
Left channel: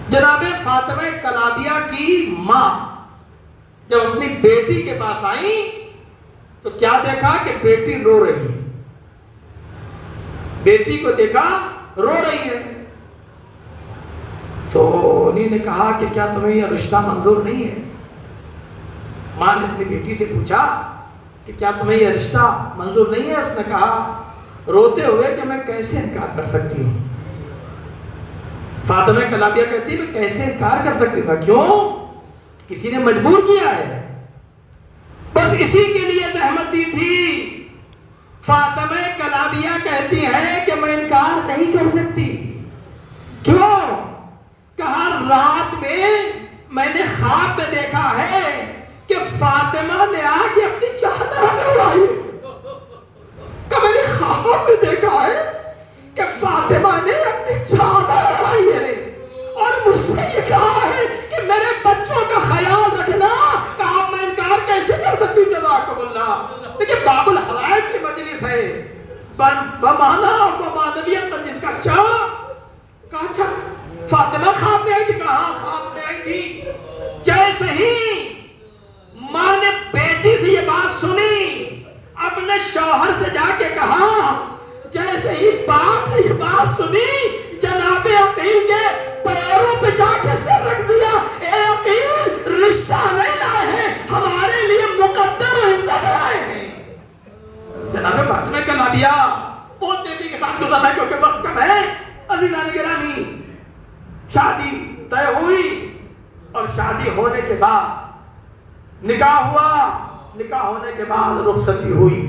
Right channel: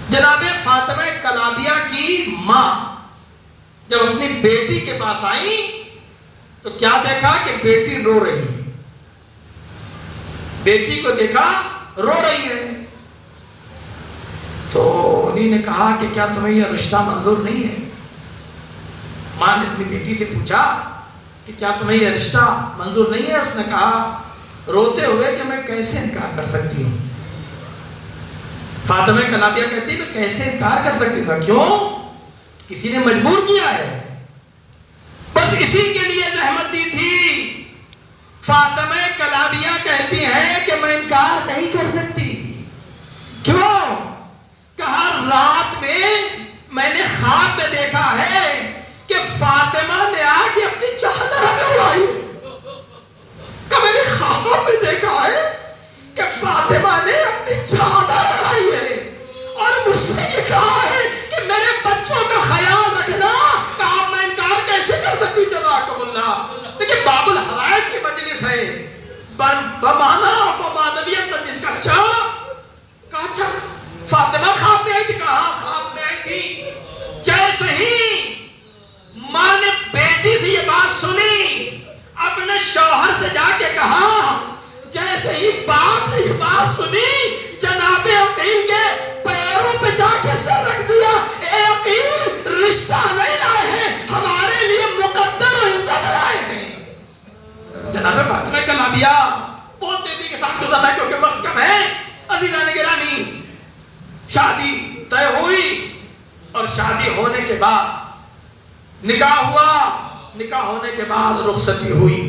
جناب فاطمہ کلابیہ کی ماں جب اپنی بیٹی کے پاس آئی تو کیا دیکھا کہ بیٹی رو رہی ہے. بیٹی کو دیکھا رو رہی ہے. تو انہی نے کہا کہ کیا تمہیں یہ رشتہ منظور نہیں ہے؟ ماں نے اپنی بیٹی سے پوچھا کہ کیا تمہیں یہ رشتہ منظور نہیں ہے؟ اس نے کہا روتے ہوئے کہ میں کیسے انکار کر سکتی ہوں. فاطمہ کلابیہ کہتی میں کیسے انکار کر سکتی ہوں؟ کیوں؟ کسی نے مجبور کیا ہے، بس اسی کے لیے زحمت دی تھی. فاطمہ کلابیہ کہتی ہے کہ میں انکار نہیں کر سکتی. کیوں؟ کہا رات میں نے خواب میں دیکھا ہے کہ فاطمہ نے آ کے اپنی چادر ہمیں اڑائی. کہ میں نے خواب میں دیکھا ہے کہ فاطمہ نے اپنی چادر اڑائی ہے اور مجھ سے یہ کہا ہے کہ میرے بچوں کا خیال رکھنا. کہا میں انکار کیسے کر سکتی؟ جزاکم اللہ. دیکھیں باب الحوائج کی مجلس ہے، بمانا بمانویت مجلس کا. کہا اچھا فاطمہ خواب میں آئی تھی؟ کہا خواب میں آئی تھی. جیسے ہی ماں نے بیٹی سے یہ بات سنی اپنے شوہر سے جا کے کہا. جیسے ہی باپ نے یہ بات سنی جناب عقیل کے پیروں پہ جا کے سر رکھ دیا. اے عقیل رشتہ نہیں لائے ہیں، ہمارے لیے مقدر عزت لائے ہیں. جناب فاطمہ کلابیہ بہت تیزی کے ساتھ گزرنا ہے کیونکہ وقت کم ہے. عزیزان گرامی، شادی طے ہوئی اور شادی ہونے کے بعد نکاح ہوا. نکاح ہونے کے بعد رخصتی ہوئی.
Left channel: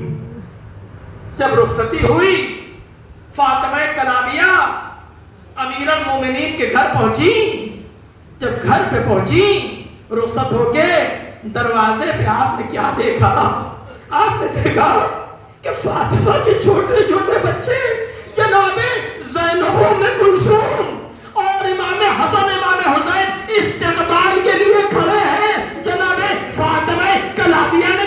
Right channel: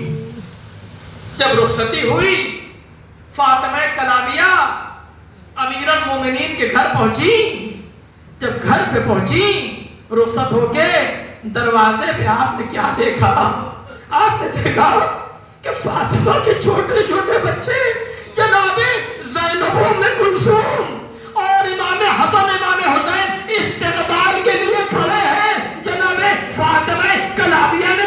جب رخصتی ہوئی فاطمہ کلابیہ امیر المومنین کے گھر پہنچی. جب گھر پہ پہنچی رخصت ہو کے دروازے پہ آپ نے کیا دیکھا؟ آپ نے دیکھا کہ فاطمہ کے چھوٹے چھوٹے بچے جناب زینب ام کلثوم اور امام حسن امام حسین استقبال کے لیے کھڑے ہیں. جناب فاطمہ کلابیہ نے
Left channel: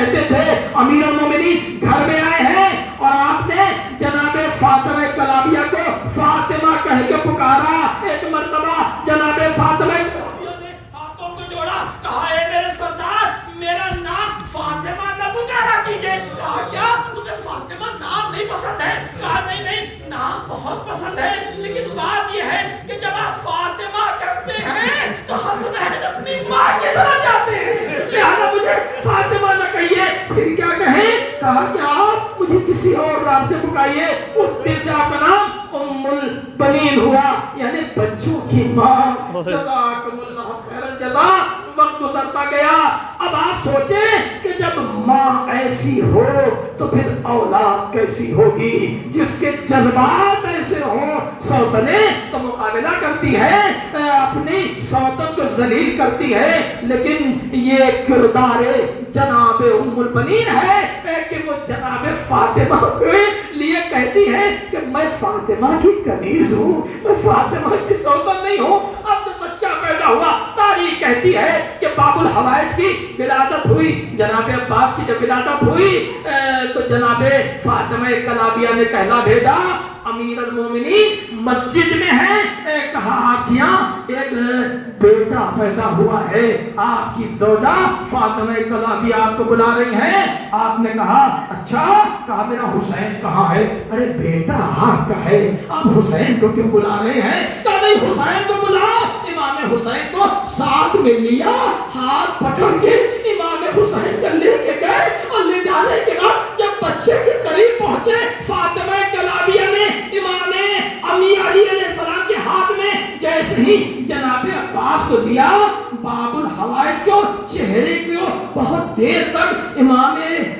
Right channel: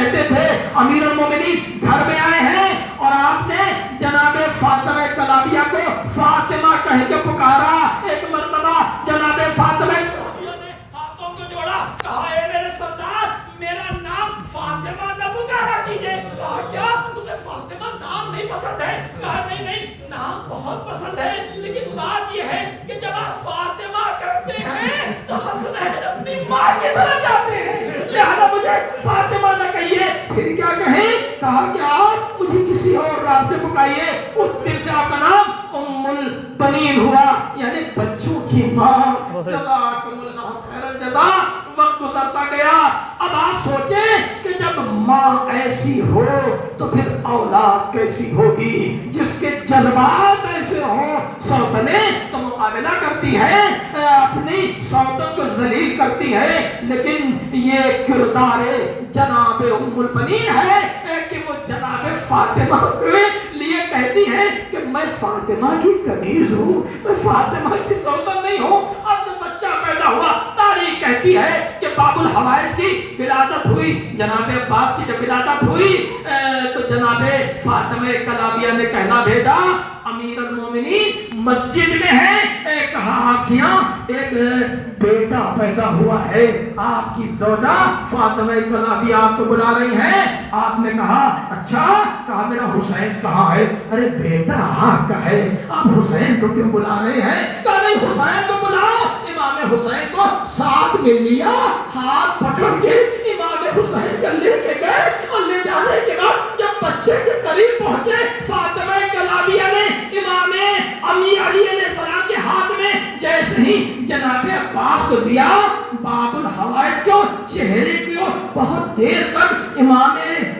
کہتے تھے امیر المومنین گھر میں آئے ہیں اور آپ نے جناب فاطمہ کلابیہ کو فاطمہ کہہ کے پکارا. ایک مرتبہ جناب فاطمہ نے ہاتھوں کو جوڑا, کہا اے میرے سردار میرا نام فاطمہ نہ پکارا کیجئے. کہا کیا تمہیں فاطمہ نام نہیں پسند ہے؟ کہا نہیں نہیں نام بہت پسند ہے, لیکن بات یہ ہے کہ جب آپ فاطمہ کہتے ہیں تو حسنین اپنی ماں کی طرح جاتے ہیں, لہذا مجھے فاطمہ نہ کہیے. پھر کیا کہیں؟ کہا کہ آپ مجھے کسی اور نام سے پکائیے. اس دن سے آپ کا نام ام البنین ہوا, یعنی بچوں کی ماں. جزاکم اللہ خیر الجزا. وقت گزرتا گیا. اب آپ سوچیں کہ جب ماں ایسی ہو تو پھر اولاد کیسی ہوگی, جس کے جذبات ایسے ہوں. سوتنیں تو مقابلہ کرتی ہیں, اپنی سوتن کو ذلیل کرتی ہے, لیکن یہ کردار جناب ام البنین ہے کہ وہ جناب فاطمہ کے لیے کہتی ہے کہ میں فاطمہ کی کنیز ہوں, میں فاطمہ کی سوتن نہیں ہوں. اب جو بچہ پیدا ہوا, تاریخ کہتی ہے کہ باب الحوائج کی ولادت ہوئی. جناب عباس کی جب ولادت ہوئی تو جناب فاطمہ کلابیہ نے کہلا بھیجا امیر المومنین مسجد میں ہے. کہا آپ یہاں ایک بیٹا پیدا ہوا ہے, آپ کی زوجہ فاطمہ کلابیہ آپ کو بلا رہی ہیں. آپ نے کہا اچھا. کہا میرا حسین کہاں ہے؟ ارے بیٹا آپ کا ہے, آپ حسین کو کیوں بلا رہے ہیں؟ کہا نہیں حسین کو بلاؤ. امام حسین کو ساتھ میں لیا, ہاتھ پکڑ کے امام حسین کو لے کے گئے, اور لے جانے کے بعد جب بچے کے قریب پہنچے فاطمہ کلابیہ نے امام امی علی علیہ السلام کے ہاتھ میں جیسے ہی جناب عباس کو دیا, باب الحوائج کو چہرے کو بہت دیر تک امام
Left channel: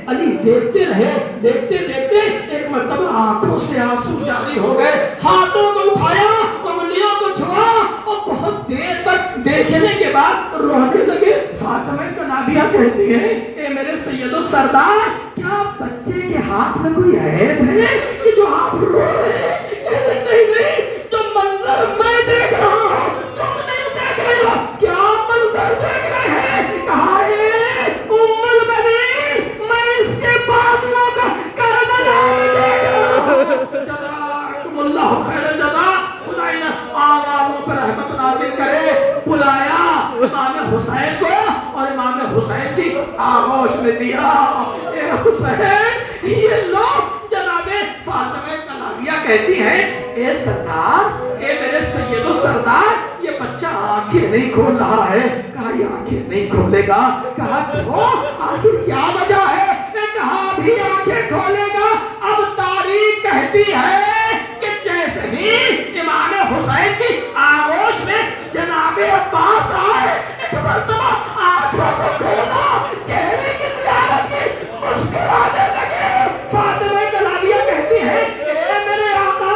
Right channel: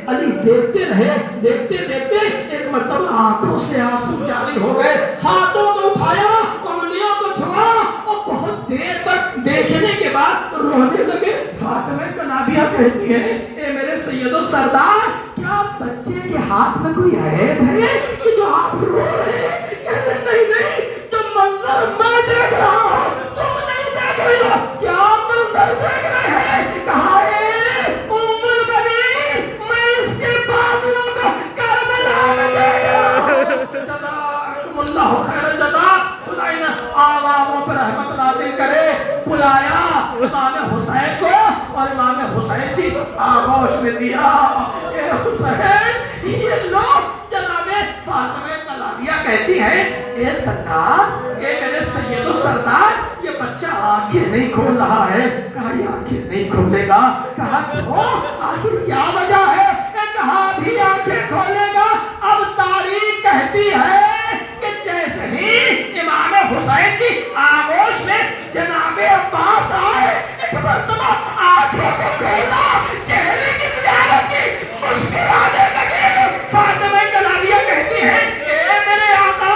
علی دیکھتے رہے. دیکھتے دیکھتے ایک مرتبہ آنکھوں سے آنسو جاری ہو گئے, ہاتھوں کو اٹھایا, انگلیوں کو چھوا, اور بہت دیر تک دیکھنے کے بعد رونے لگے. فاطمہ کلابیہ کہتی ہے اے میرے سید و سردار, کیا بچے کے ہاتھ میں کوئی عیب ہے کہ جو آپ رو رہے ہیں؟ کہتے نہیں نہیں, تو منظر میں دیکھ رہا ہوں, تم نہیں دیکھ رہے ہو. کیا منظر دیکھ رہے ہیں؟ کہا اے ام البنین میں اس کے بازوؤں کو کربلا میں دیکھ رہا ہوں. جزاکم اللہ خیر الجزا. خدا نے آوازوں پر رحمت نازل کرے. بلایا امام حسین کو اور امام حسین کی آغوش میں دیا. اے حسین, یہ لوگ جناب فاطمہ کلابیہ کہتی ہیں اے سردار, اے میرے سید و سردار, یہ بچہ آنکھیں نہیں کھول رہا ہے. کہا یہ آنکھیں نہیں کھولے گا. کہا کیوں, آخر کیا وجہ ہے؟ کہا ابھی آنکھیں کھولے گا. اب تاریخ کہتی ہے کہ جیسے ہی امام حسین کی آغوش میں جناب عباس آئے, ایک مرتبہ آنکھوں کو کھولا, چہرے کی زیارت کی, مسکرانے لگے. فاطمہ کلابیہ کہتی ہے اے میرے آقا,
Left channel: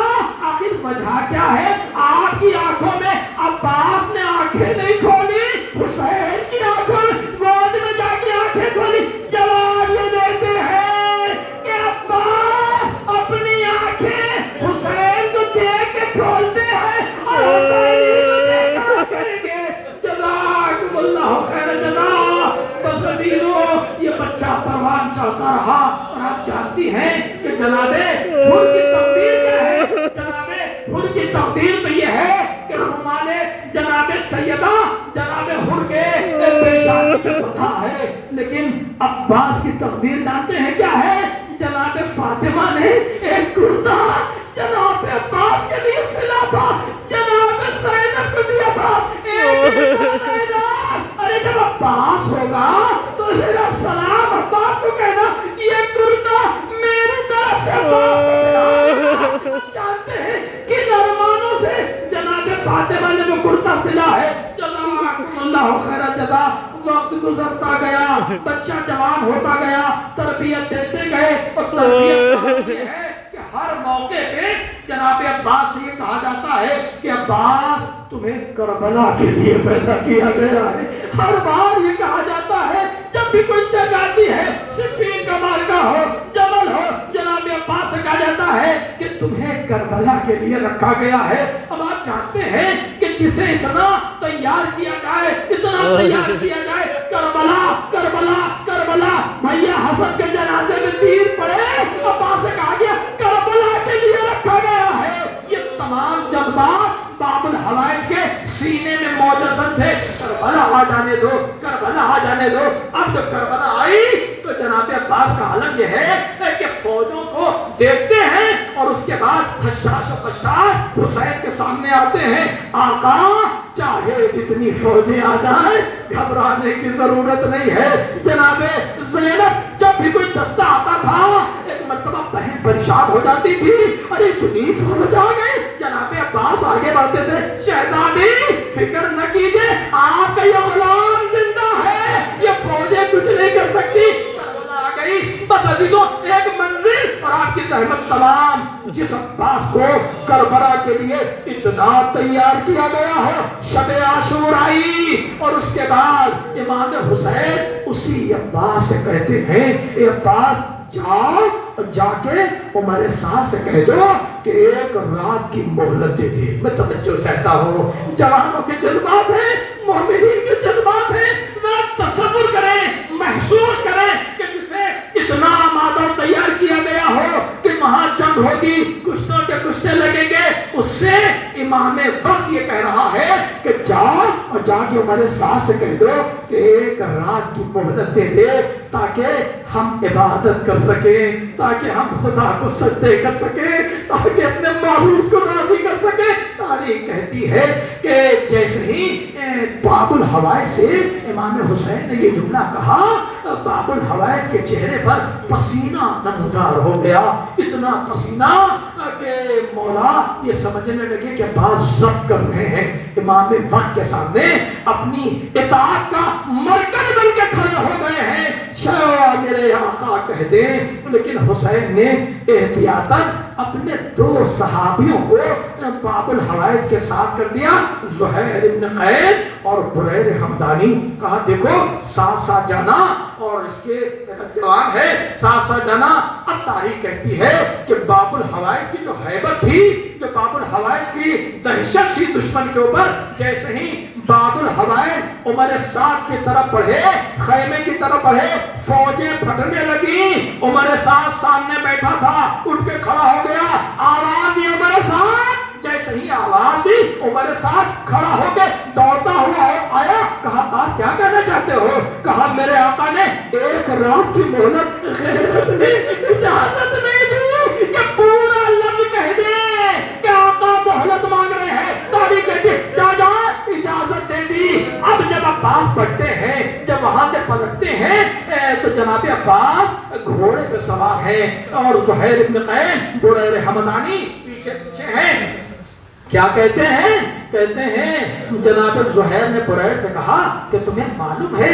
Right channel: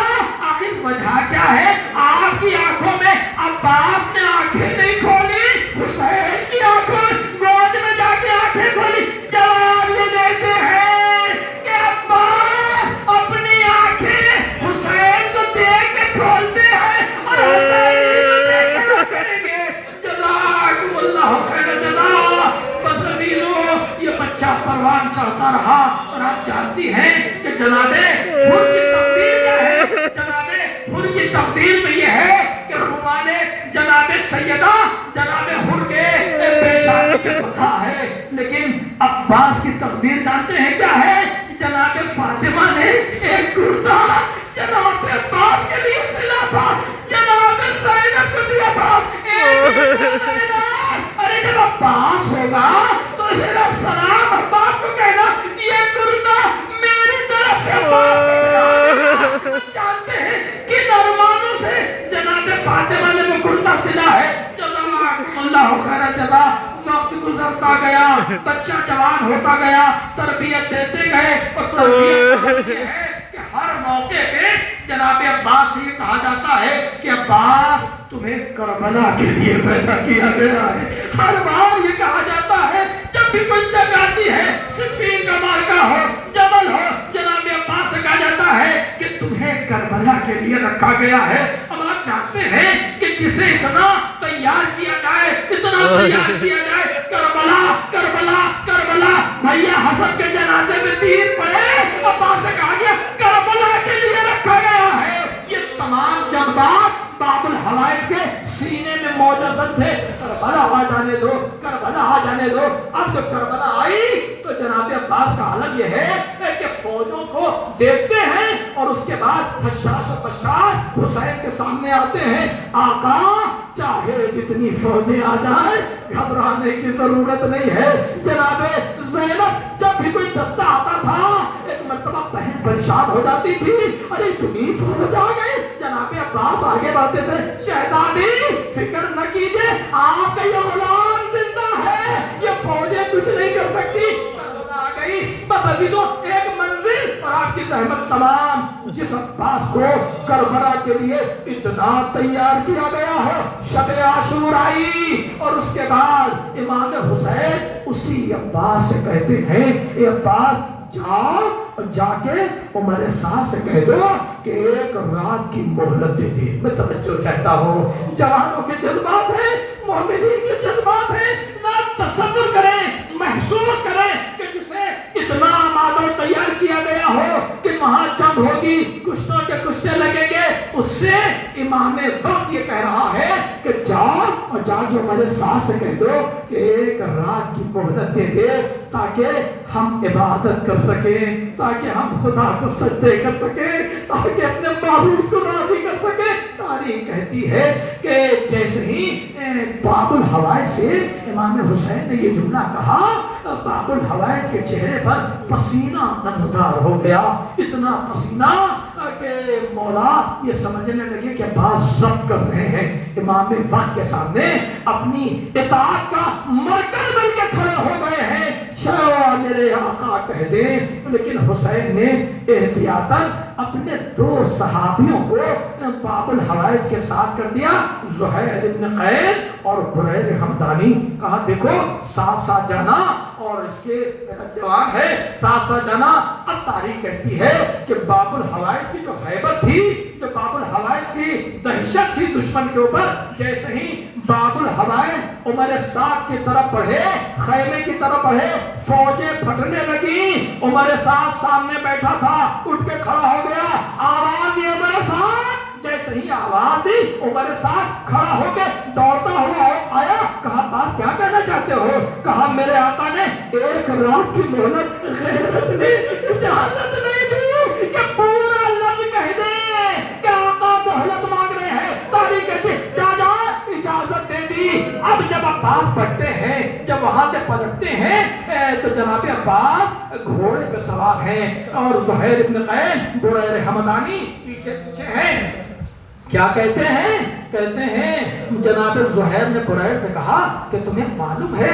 آخر وجہ کیا ہے؟ آپ کی آنکھوں میں عباس نے آنکھیں نہیں کھولی, حسین کی آنکھوں گود میں جا کے آنکھیں کھولی. جواب یہ دیتے ہیں کہ عباس اپنی آنکھیں حسین کو دیکھ کے کھولتے ہیں اور حسین کو دیکھ کے کریں گے. جزاکم اللہ خیر الجزا. بس ندیرو, یہ بچہ پروان چڑھتا رہا. اور آپ جانتی ہیں کہ جناب حر کی تقدیر کیا ہے؟ جناب حر کی تقدیر تو یہ ہے کہ رحمان جناب سیدہ جناب حر کے پیشانی کے پتھا ہے. لیکن عباس کی تقدیر جانتے ہیں کیا ہے؟ جناب فاطمہ نے ایک کرتا جناب عباس کے لیے سلا تھا, جناب زینب کو دیا تھا. ارے جب عباس ہوگا تو میرا سلام عباس کو کہنا, یہ کرتا میری طرف سے عباس کو ملا. جانتے ہیں کہ نرمانوں سے جناب فاطمہ نے جو کرتا سلا ہے. جزاکم اللہ خیر الجزا. وقت گزرتا گیا, بچہ جوان ہوتا گیا, تربیت دیتے گئے, اور تربیت یہ ہے کہ ہر موقع پہ جناب عباس سے یہ کہا جاتا ہے کہ عباس تمہیں کربلا کے لیے پیدا کیا گیا ہے. ہر بار یہ کہا جاتا ہے جب بھی کوئی جگہ آتی ہے, صفین کا مارکہ ہو, جبل ہو, جناب عباس سے کہا جاتا ہے کہ تمہیں کربلا کے لیے رکھا گیا ہے. اب آپ چاہتے ہیں کہ جسے اتنا تیار کیا جائے, اتنا تیار کیا جائے, کربلا کربلا کربلا, بھیا رہنے دو. اب جب کربلا آئی تو جناب عباس کا عالم یہ ہے کہ فوجوں کو دیکھتے ہیں اور اس کے بعد خشاش و خشاش حسین کے سامنے آتے ہیں. آقا چاہے جتنی فوجیں آ جائیں گھبرانے کی ضرورت نہیں ہے. جناب زینب جب بھی کوئی دستہ آتا تھا ایک مرتبہ بہن پریشان ہو جاتی تھی. ارے اتنی فوج آ گئی. جناب عباس آگے بڑھتے تھے. شہزادی فکر نہ کیجئے آپ کا یہ غلام زندہ ہے, یہ فوجیں کچھ نہیں کر سکتی. کربلا آ گئی بس ابھی تو ایک منزل اور آپ کی زحمت تمام. جس عباس کو کربلا کے لیے اتنا تیار کیا گیا ہو, شب عاشورا آئی اور اس کے بعد امام حسین اسی عباس سے کہتے ہیں اے عباس جاؤ اور جا کے عمر سعد سے کہہ دو کہ ایک رات کی مہلت دے دے. میں توجہ چاہتا ہوں, جوانوں کے جذبات ہیں, مومنین کے جذبات ہیں. ذرا تصور کریں, محسوس کریں کہ جسے اتنا آمادہ تیار کیا گیا ہو کہ وہاں جنگ ہوگی, کشتوں کے کشتے لگیں گے, اس سے امام وقت یہ کہہ رہا ہے کہ جاؤ اور جا کے عمر سعد سے کہہ دو کہ ایک رات کی مہلت دے دے تاکہ ہم عبادت کر سکیں, تاکہ ہم خدا کو سجدے کر سکیں, تاکہ اپنے معبود کو راضی کر سکیں. تاریخ کہتی ہے کہ جیسے ہی باب الحوائج سے امام حسین نے یہ جملہ کہا, باب الحوائج کے چہرے پر پسینہ نمودار ہو گیا. اتنا پسینہ کہ مولا یہ سمجھنے لگے کہ بات ضبط کر رہے ہیں. امام وقت کے سامنے اپنی اطاعت کا مرکز بن کے کھڑے ہو گئے ہیں. شاہ میرے آقا کہہ دیں. لیکن حسین نے احتیاطاً اپنے دو صحابیوں کو باب الحوائج کے ساتھ کر دیا, زہیر ابن قید اور بریر حمدانی. کہا دیکھو ساتھ ساتھ جانا, اور اس کے جواب ہے ساتھ ساتھ جانا. اب تاریخ کہتی ہے کہ باب الحوائج کی جو ہیبت تھی, جو باب الحوائج کی دہشت تھی دشمن کے اوپر, جیسے ہی باب الحوائج عمر سعد کی طرف بڑھے, خیمے کی طرف بڑھے, فوجیں پھٹنے لگیں. عمر سعد سامنے بیٹھا تھا, اٹھ کے کھڑا ہو گیا. آواز دی عمر سعد, جیسے ہی آواز دی عمر سعد کھڑا ہو کے دوڑتا ہوا آیا. کہا باس کیا کہنا چاہتے ہو؟ کہا میرے آقا نے ایک رات کی مہلت غیرت نے اجازت نہیں دی کہ پورا لفظ کہہ دے کہ آقا مہلت مانگ رہے ہیں. تاریخ کہتی ہے جا جا اجازت دے دی. اب جب عباس پڑھتے ہیں, جب وہاں سے پلٹتے ہیں تو جناب عباس گھوڑے پہ سوار ہیں اور زہیر ابن قید بریر حمدانی پیچھے پیچھے ہیں. کیا کہتے ہیں؟ کہتے ہیں جناب زہیر نے بریر سے کہا کہ تمہیں معلوم ہے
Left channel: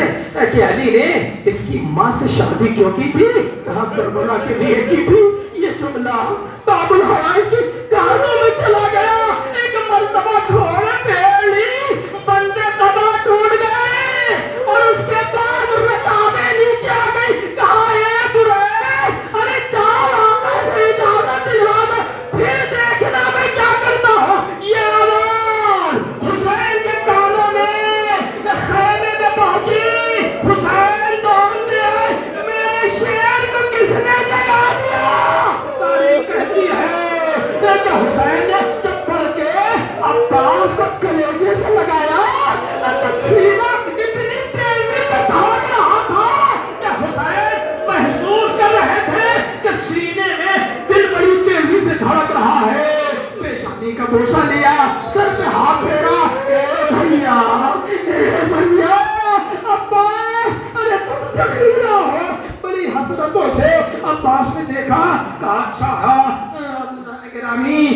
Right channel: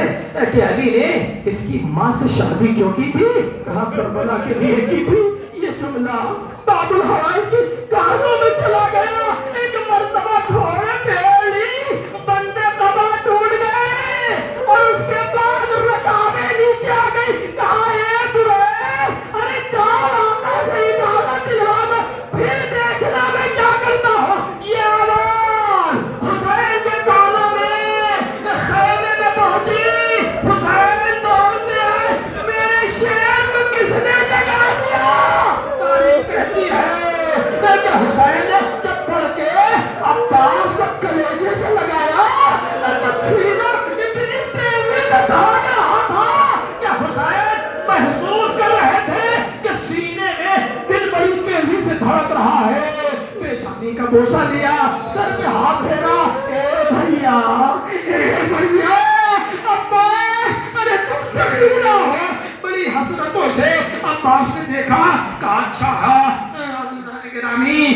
کہ علی نے اس کی ماں سے شادی کیوں کی تھی؟ کہا کربلا کے لیے کی تھی. یہ جملہ باب الحوائج کی کہانیوں میں چلا گیا. ایک مرتبہ گھوڑے پہ لی, بندے تباہ ٹوٹ گئے اور اس کے بعد رکابیں نیچے آ گئی. کہا اے بریر, ارے چال آقا سے اجازت دلوا دو, پھر دیکھنا میں کیا کرتا ہوں. یہ آواز حسین کے کانوں میں خیمے میں پہنچی. حسین دوڑتے آئے, میرے شیر کو کس نے جگا دیا؟ تاریخ کہتی ہے کہ حسین نے جب پڑھ کے عباس کو کلیجے سے لگایا, سینہ اتنی تیزی سے بھاگ رہا تھا کہ حسین محسوس کر رہے تھے کہ سینے میں دل بڑی تیزی سے دھڑک رہا ہے. پیشانی کا بوسہ لیا, سر پہ ہاتھ پھیرا, اے بھیا, اے بھیا, عباس, ارے تم سے خیرہ ہو. بڑی حسرتوں سے عباس نے دیکھا. کہا اچھا گرامی,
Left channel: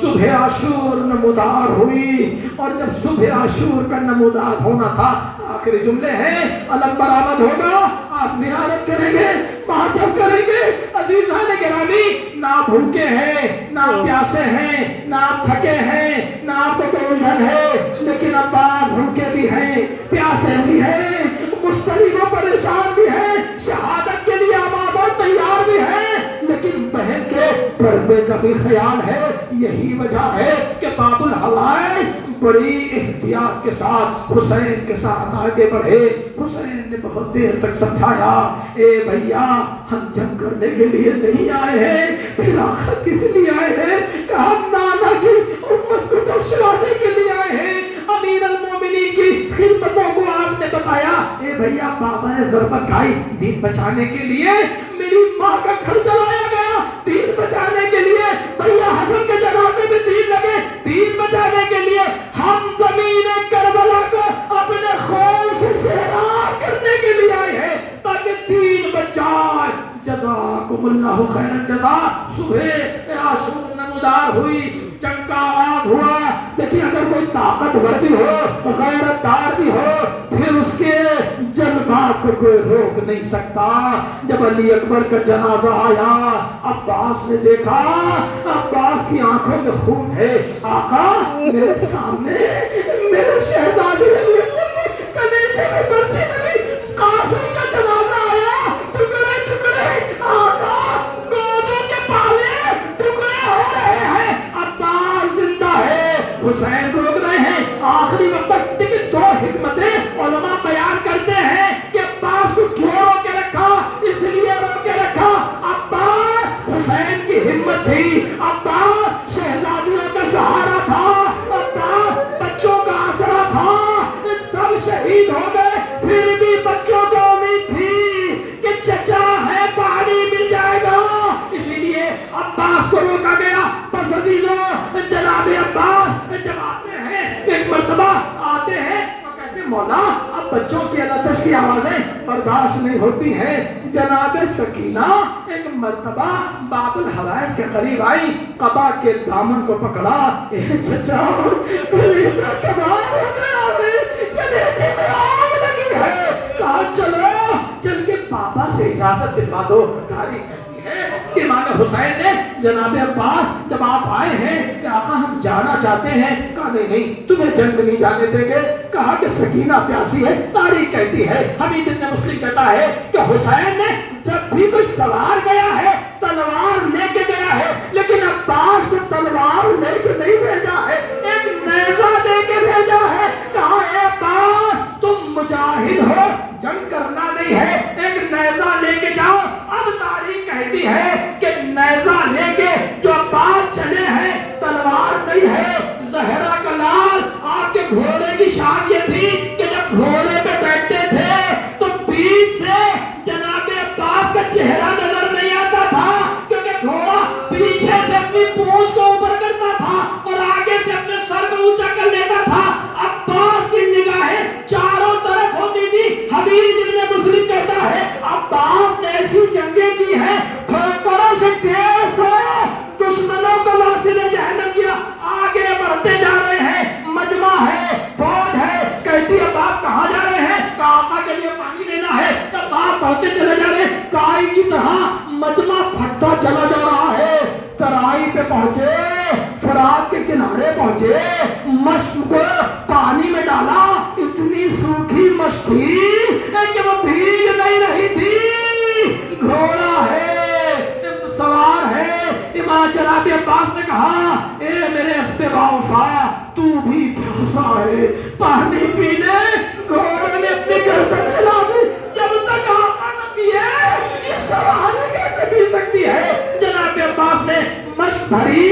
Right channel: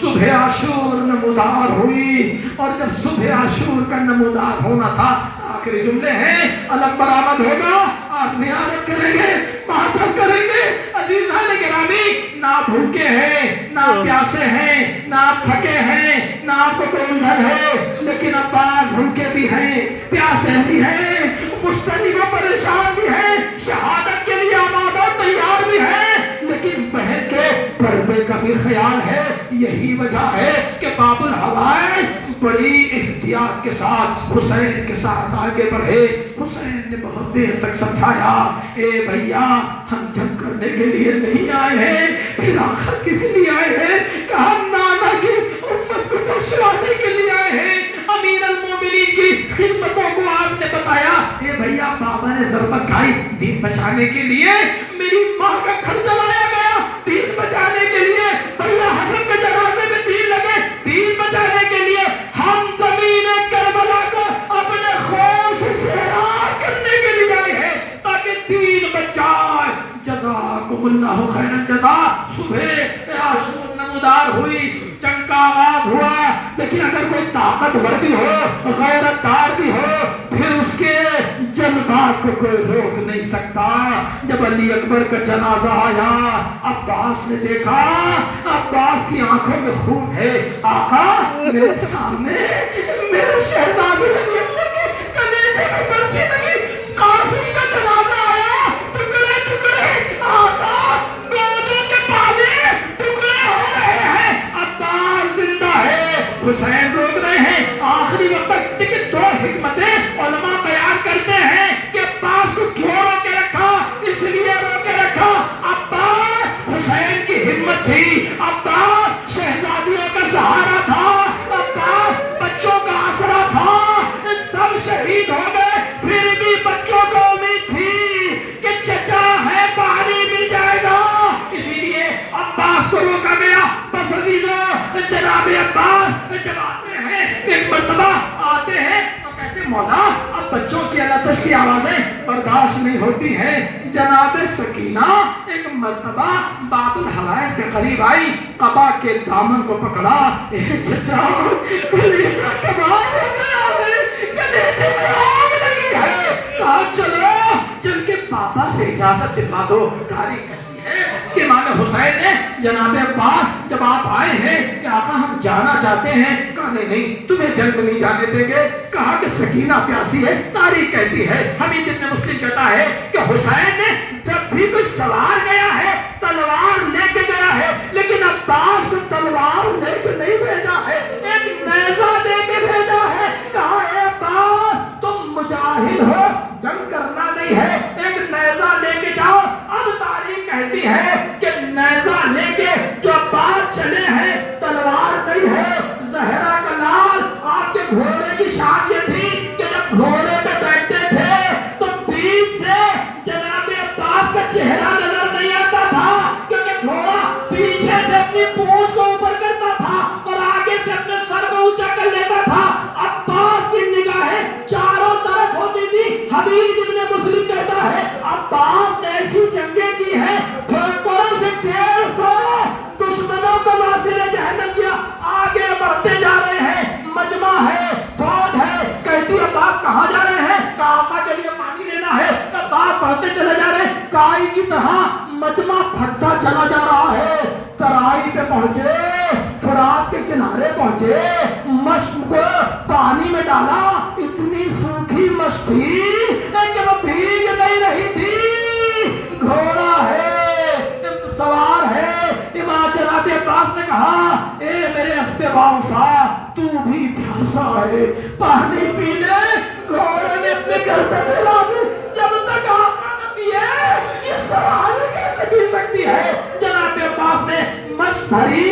صبح عاشور نمودار ہوئی, اور جب صبح عاشور کا نمودار ہونا تھا, آخری جملے ہیں, علم برآمد ہوگا, آپ زیارت کریں گے, ماتم کریں گے. عزیزان گرامی, نہ بھوکے ہیں, نہ پیاسے ہیں, نہ آپ تھکے ہیں, نہ آپ کو کوئی الجھن ہے, لیکن اب آپ بھوکے بھی ہیں, پیاسے بھی ہیں, مشتری و پریشان بھی ہیں, شہادت کے لیے آمادہ تیار بھی ہیں, لیکن بہن کے پردے کا بھی خیال ہے. یہی وجہ ہے کہ باب الحوائج بڑی احتیاط کے ساتھ حسین کے ساتھ آگے بڑھے. حسین نے بہت دیر تک سمجھایا, اے بھیا ہم جنگ کرنے کے لیے نہیں آئے ہیں, پھر آخر کس لیے آئے ہیں؟ کہ ہم نانا کی امت کو بخشوانے کے لیے آئے ہیں. امیر المومنین کی خدمتوں کو آپ نے بتایا اے بھیا بابا نے ضربت کھائی دین بچانے کے لیے میری ماں کا گھر جلایا گیا دین بچانے کے لیے بھیا حسن کے جنازے میں تیر لگے دین بچانے کے لیے ہم زمین کربلا کو اپنے خون سے سیراب کرنے کے لیے آئے ہیں تاکہ دین بچ جائے جزاکم اللہ خیر الجزا صبح عاشور نمودار ہوئی جنگ کا آغاز ہوا لیکن اگر کوئی طاقتور بھی ہو غیرت دار بھی ہو پھر اس کے جذبات کو کوئی روک نہیں سکتا جب علی اکبر کا جنازہ آیا عباس نے دیکھا عباس کی آنکھوں میں خون ہے آقا میرے سامنے میرے شہزادے علی اکبر کے کلیجے میں بچی لگی قاسم کا جنازہ آیا ٹکڑے ٹکڑے آقا گودوں کے پالے ٹکڑے ہو رہے ہیں عباس زندہ ہے حسین روک رہے ہیں آخری وقت لیکن دو حکمتیں علماء بیان کرتے ہیں کہ عباس کو کیوں روکے رکھا اس لیے روکے رکھا عباس حسین کی ہمت تھی عباس شہزادیوں کا سہارا تھا عباس بچوں کا آسرا تھا سب شہید ہو گئے پھر بھی بچوں کو امید تھی کہ چچا ہے پانی مل جائے گا اسی لیے عباس کو روکا گیا بس ابھی لو جناب عباس جب آتے ہیں ایک مرتبہ آتے ہیں تو کہتے ہیں مولا اب بچوں کی علتش کی آوازیں برداشت نہیں ہوتی ہیں جناب سکینہ ایک مرتبہ باب الحوائج کے قریب آئی قبا کے دامن کو پکڑا چچا کلیجہ کباب ہو گیا ہے کلیجے میں آگ لگی ہے کہا چلو چل کے پاپا سے اجازت دلوا دو تاریخ کہتی ہے کہ امام حسین نے جناب عباس جب آپ آئے ہیں کہ آقا ہم جانا چاہتے ہیں کہا نہیں تمہیں جنگ نہیں جانے دیں گے کہا کہ سکینہ پیاسی ہے تاریخ کہتی ہے حمید ابن مسلم کہتا ہے کہ حسین نے جب بھی کوئی سوار گیا ہے تلوار لے کے گیا ہے لیکن عباس کو تلوار لے کے نہیں بھیجا ہے ایک نیزہ دے کے بھیجا ہے کہا اے عباس تم مجاہد ہو جنگ کرنا نہیں ہے ایک نیزہ لے کے جاؤ اب تاریخ کہتی ہے کہ نیزہ لے کے جو عباس چلے ہیں تلوار نہیں ہے زہرا کا لال آپ کے گھوڑے کی شان یہ تھی کہ جب گھوڑے پہ بیٹھتے تھے تو بیچ سے جناب عباس کا چہرہ نظر نہیں آتا تھا کیونکہ گھوڑا پیچھے سے اپنی پونچھ کو اوپر کرتا تھا اور آگے سے اپنے سر کو اونچا کر لیتا تھا عباس کی نگاہیں چاروں طرف ہوتی تھی حمید ابن مسلم کہتا ہے عباس نے ایسی جنگیں کی ہیں ٹھوکروں سے 150 دشمنوں کو ناصر جہنم کیا آگے بڑھتے جا رہے ہیں مجمع ہے فوج ہے کہتی عباس کہاں جا رہے ہیں کہ آقا کے لیے پانی لینا ہے عباس بڑھتے چلے جا رہے ہیں کائی کی طرح مجمع پھٹتا چلا جا رہا ہے ترائی پہ پہنچے فرات کے کنارے پہنچے مشق کو پانی میں ڈالا اتنی سوکھی مشق تھی کہ وہ بھیگ نہیں رہی تھی گھوڑا ہے سوار ہے امام جناب عباس نے کہا اے میرے اسب باوفا تو بھی پیاسا ہے پانی پینے گھوڑے نے اپنے گردن ہلا دی جب تک آقا نہ پیے یہ سوال کیسے پی سکتی ہے جناب عباس نے مشق بھری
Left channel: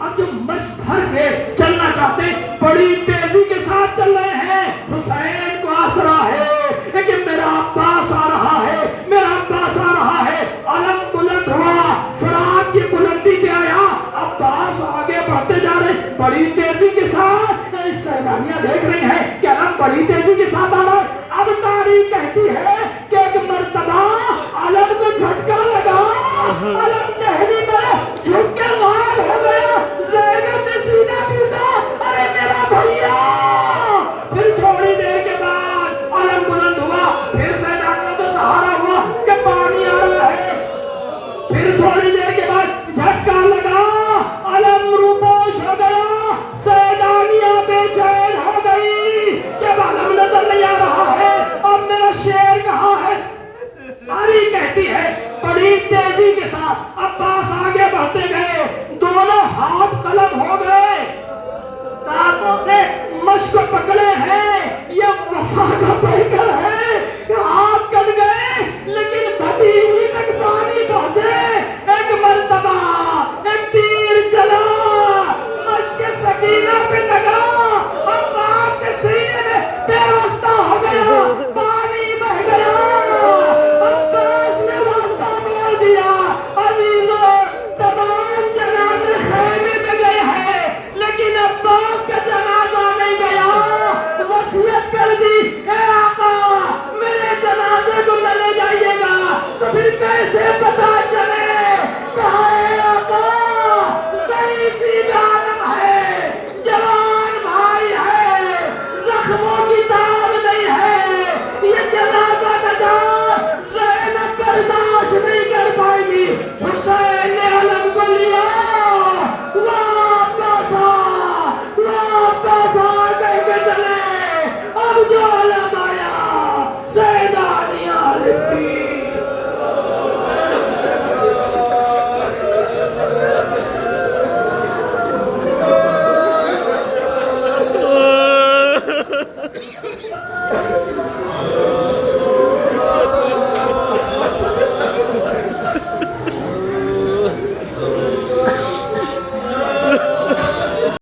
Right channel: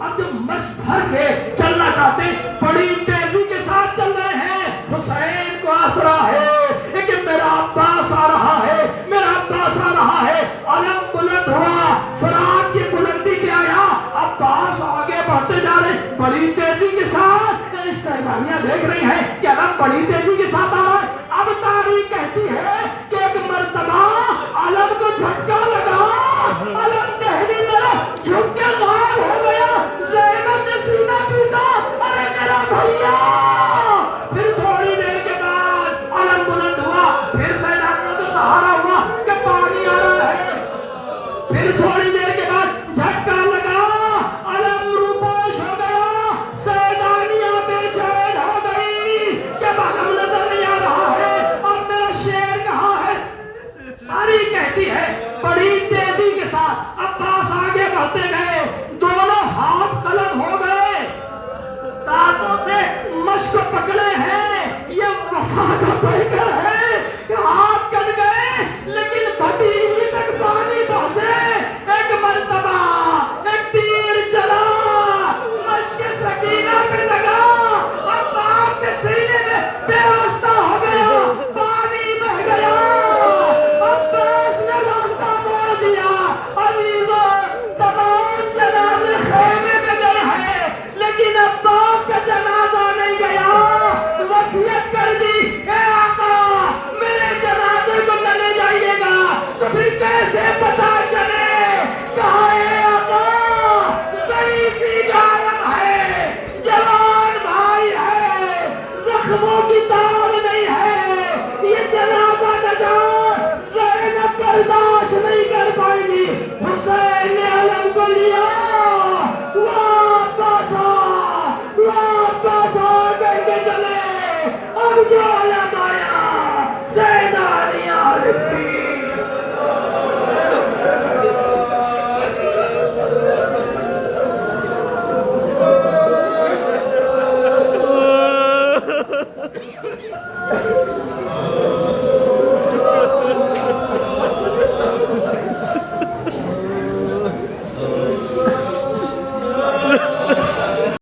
اب جو مشق بھر کے چلنا چاہتے بڑی تیزی کے ساتھ چل رہے ہیں حسین کو آسرا ہے لیکن میرا عباس آ رہا ہے میرا عباس آ رہا ہے علم بلند ہوا فرات کی بلندی پہ آیا عباس آگے بڑھتے جا رہے بڑی تیزی کے ساتھ سیلانیاں دیکھ رہی ہیں کہ علم بڑی تیزی کے ساتھ آ رہا ہے اب تاریخ کہتی ہے کہ ایک مرتبہ علم کو جھٹکا لگا علم کہنی طرف جھک کے لال ہو گیا زینب نے سینہ پیٹا ارے میرا بھیا پھر تھوڑی دیر کے بعد علم بلند ہوا پھر سیلانیوں کا سہارا ہوا کہ پانی آ رہا ہے پھر تھوڑی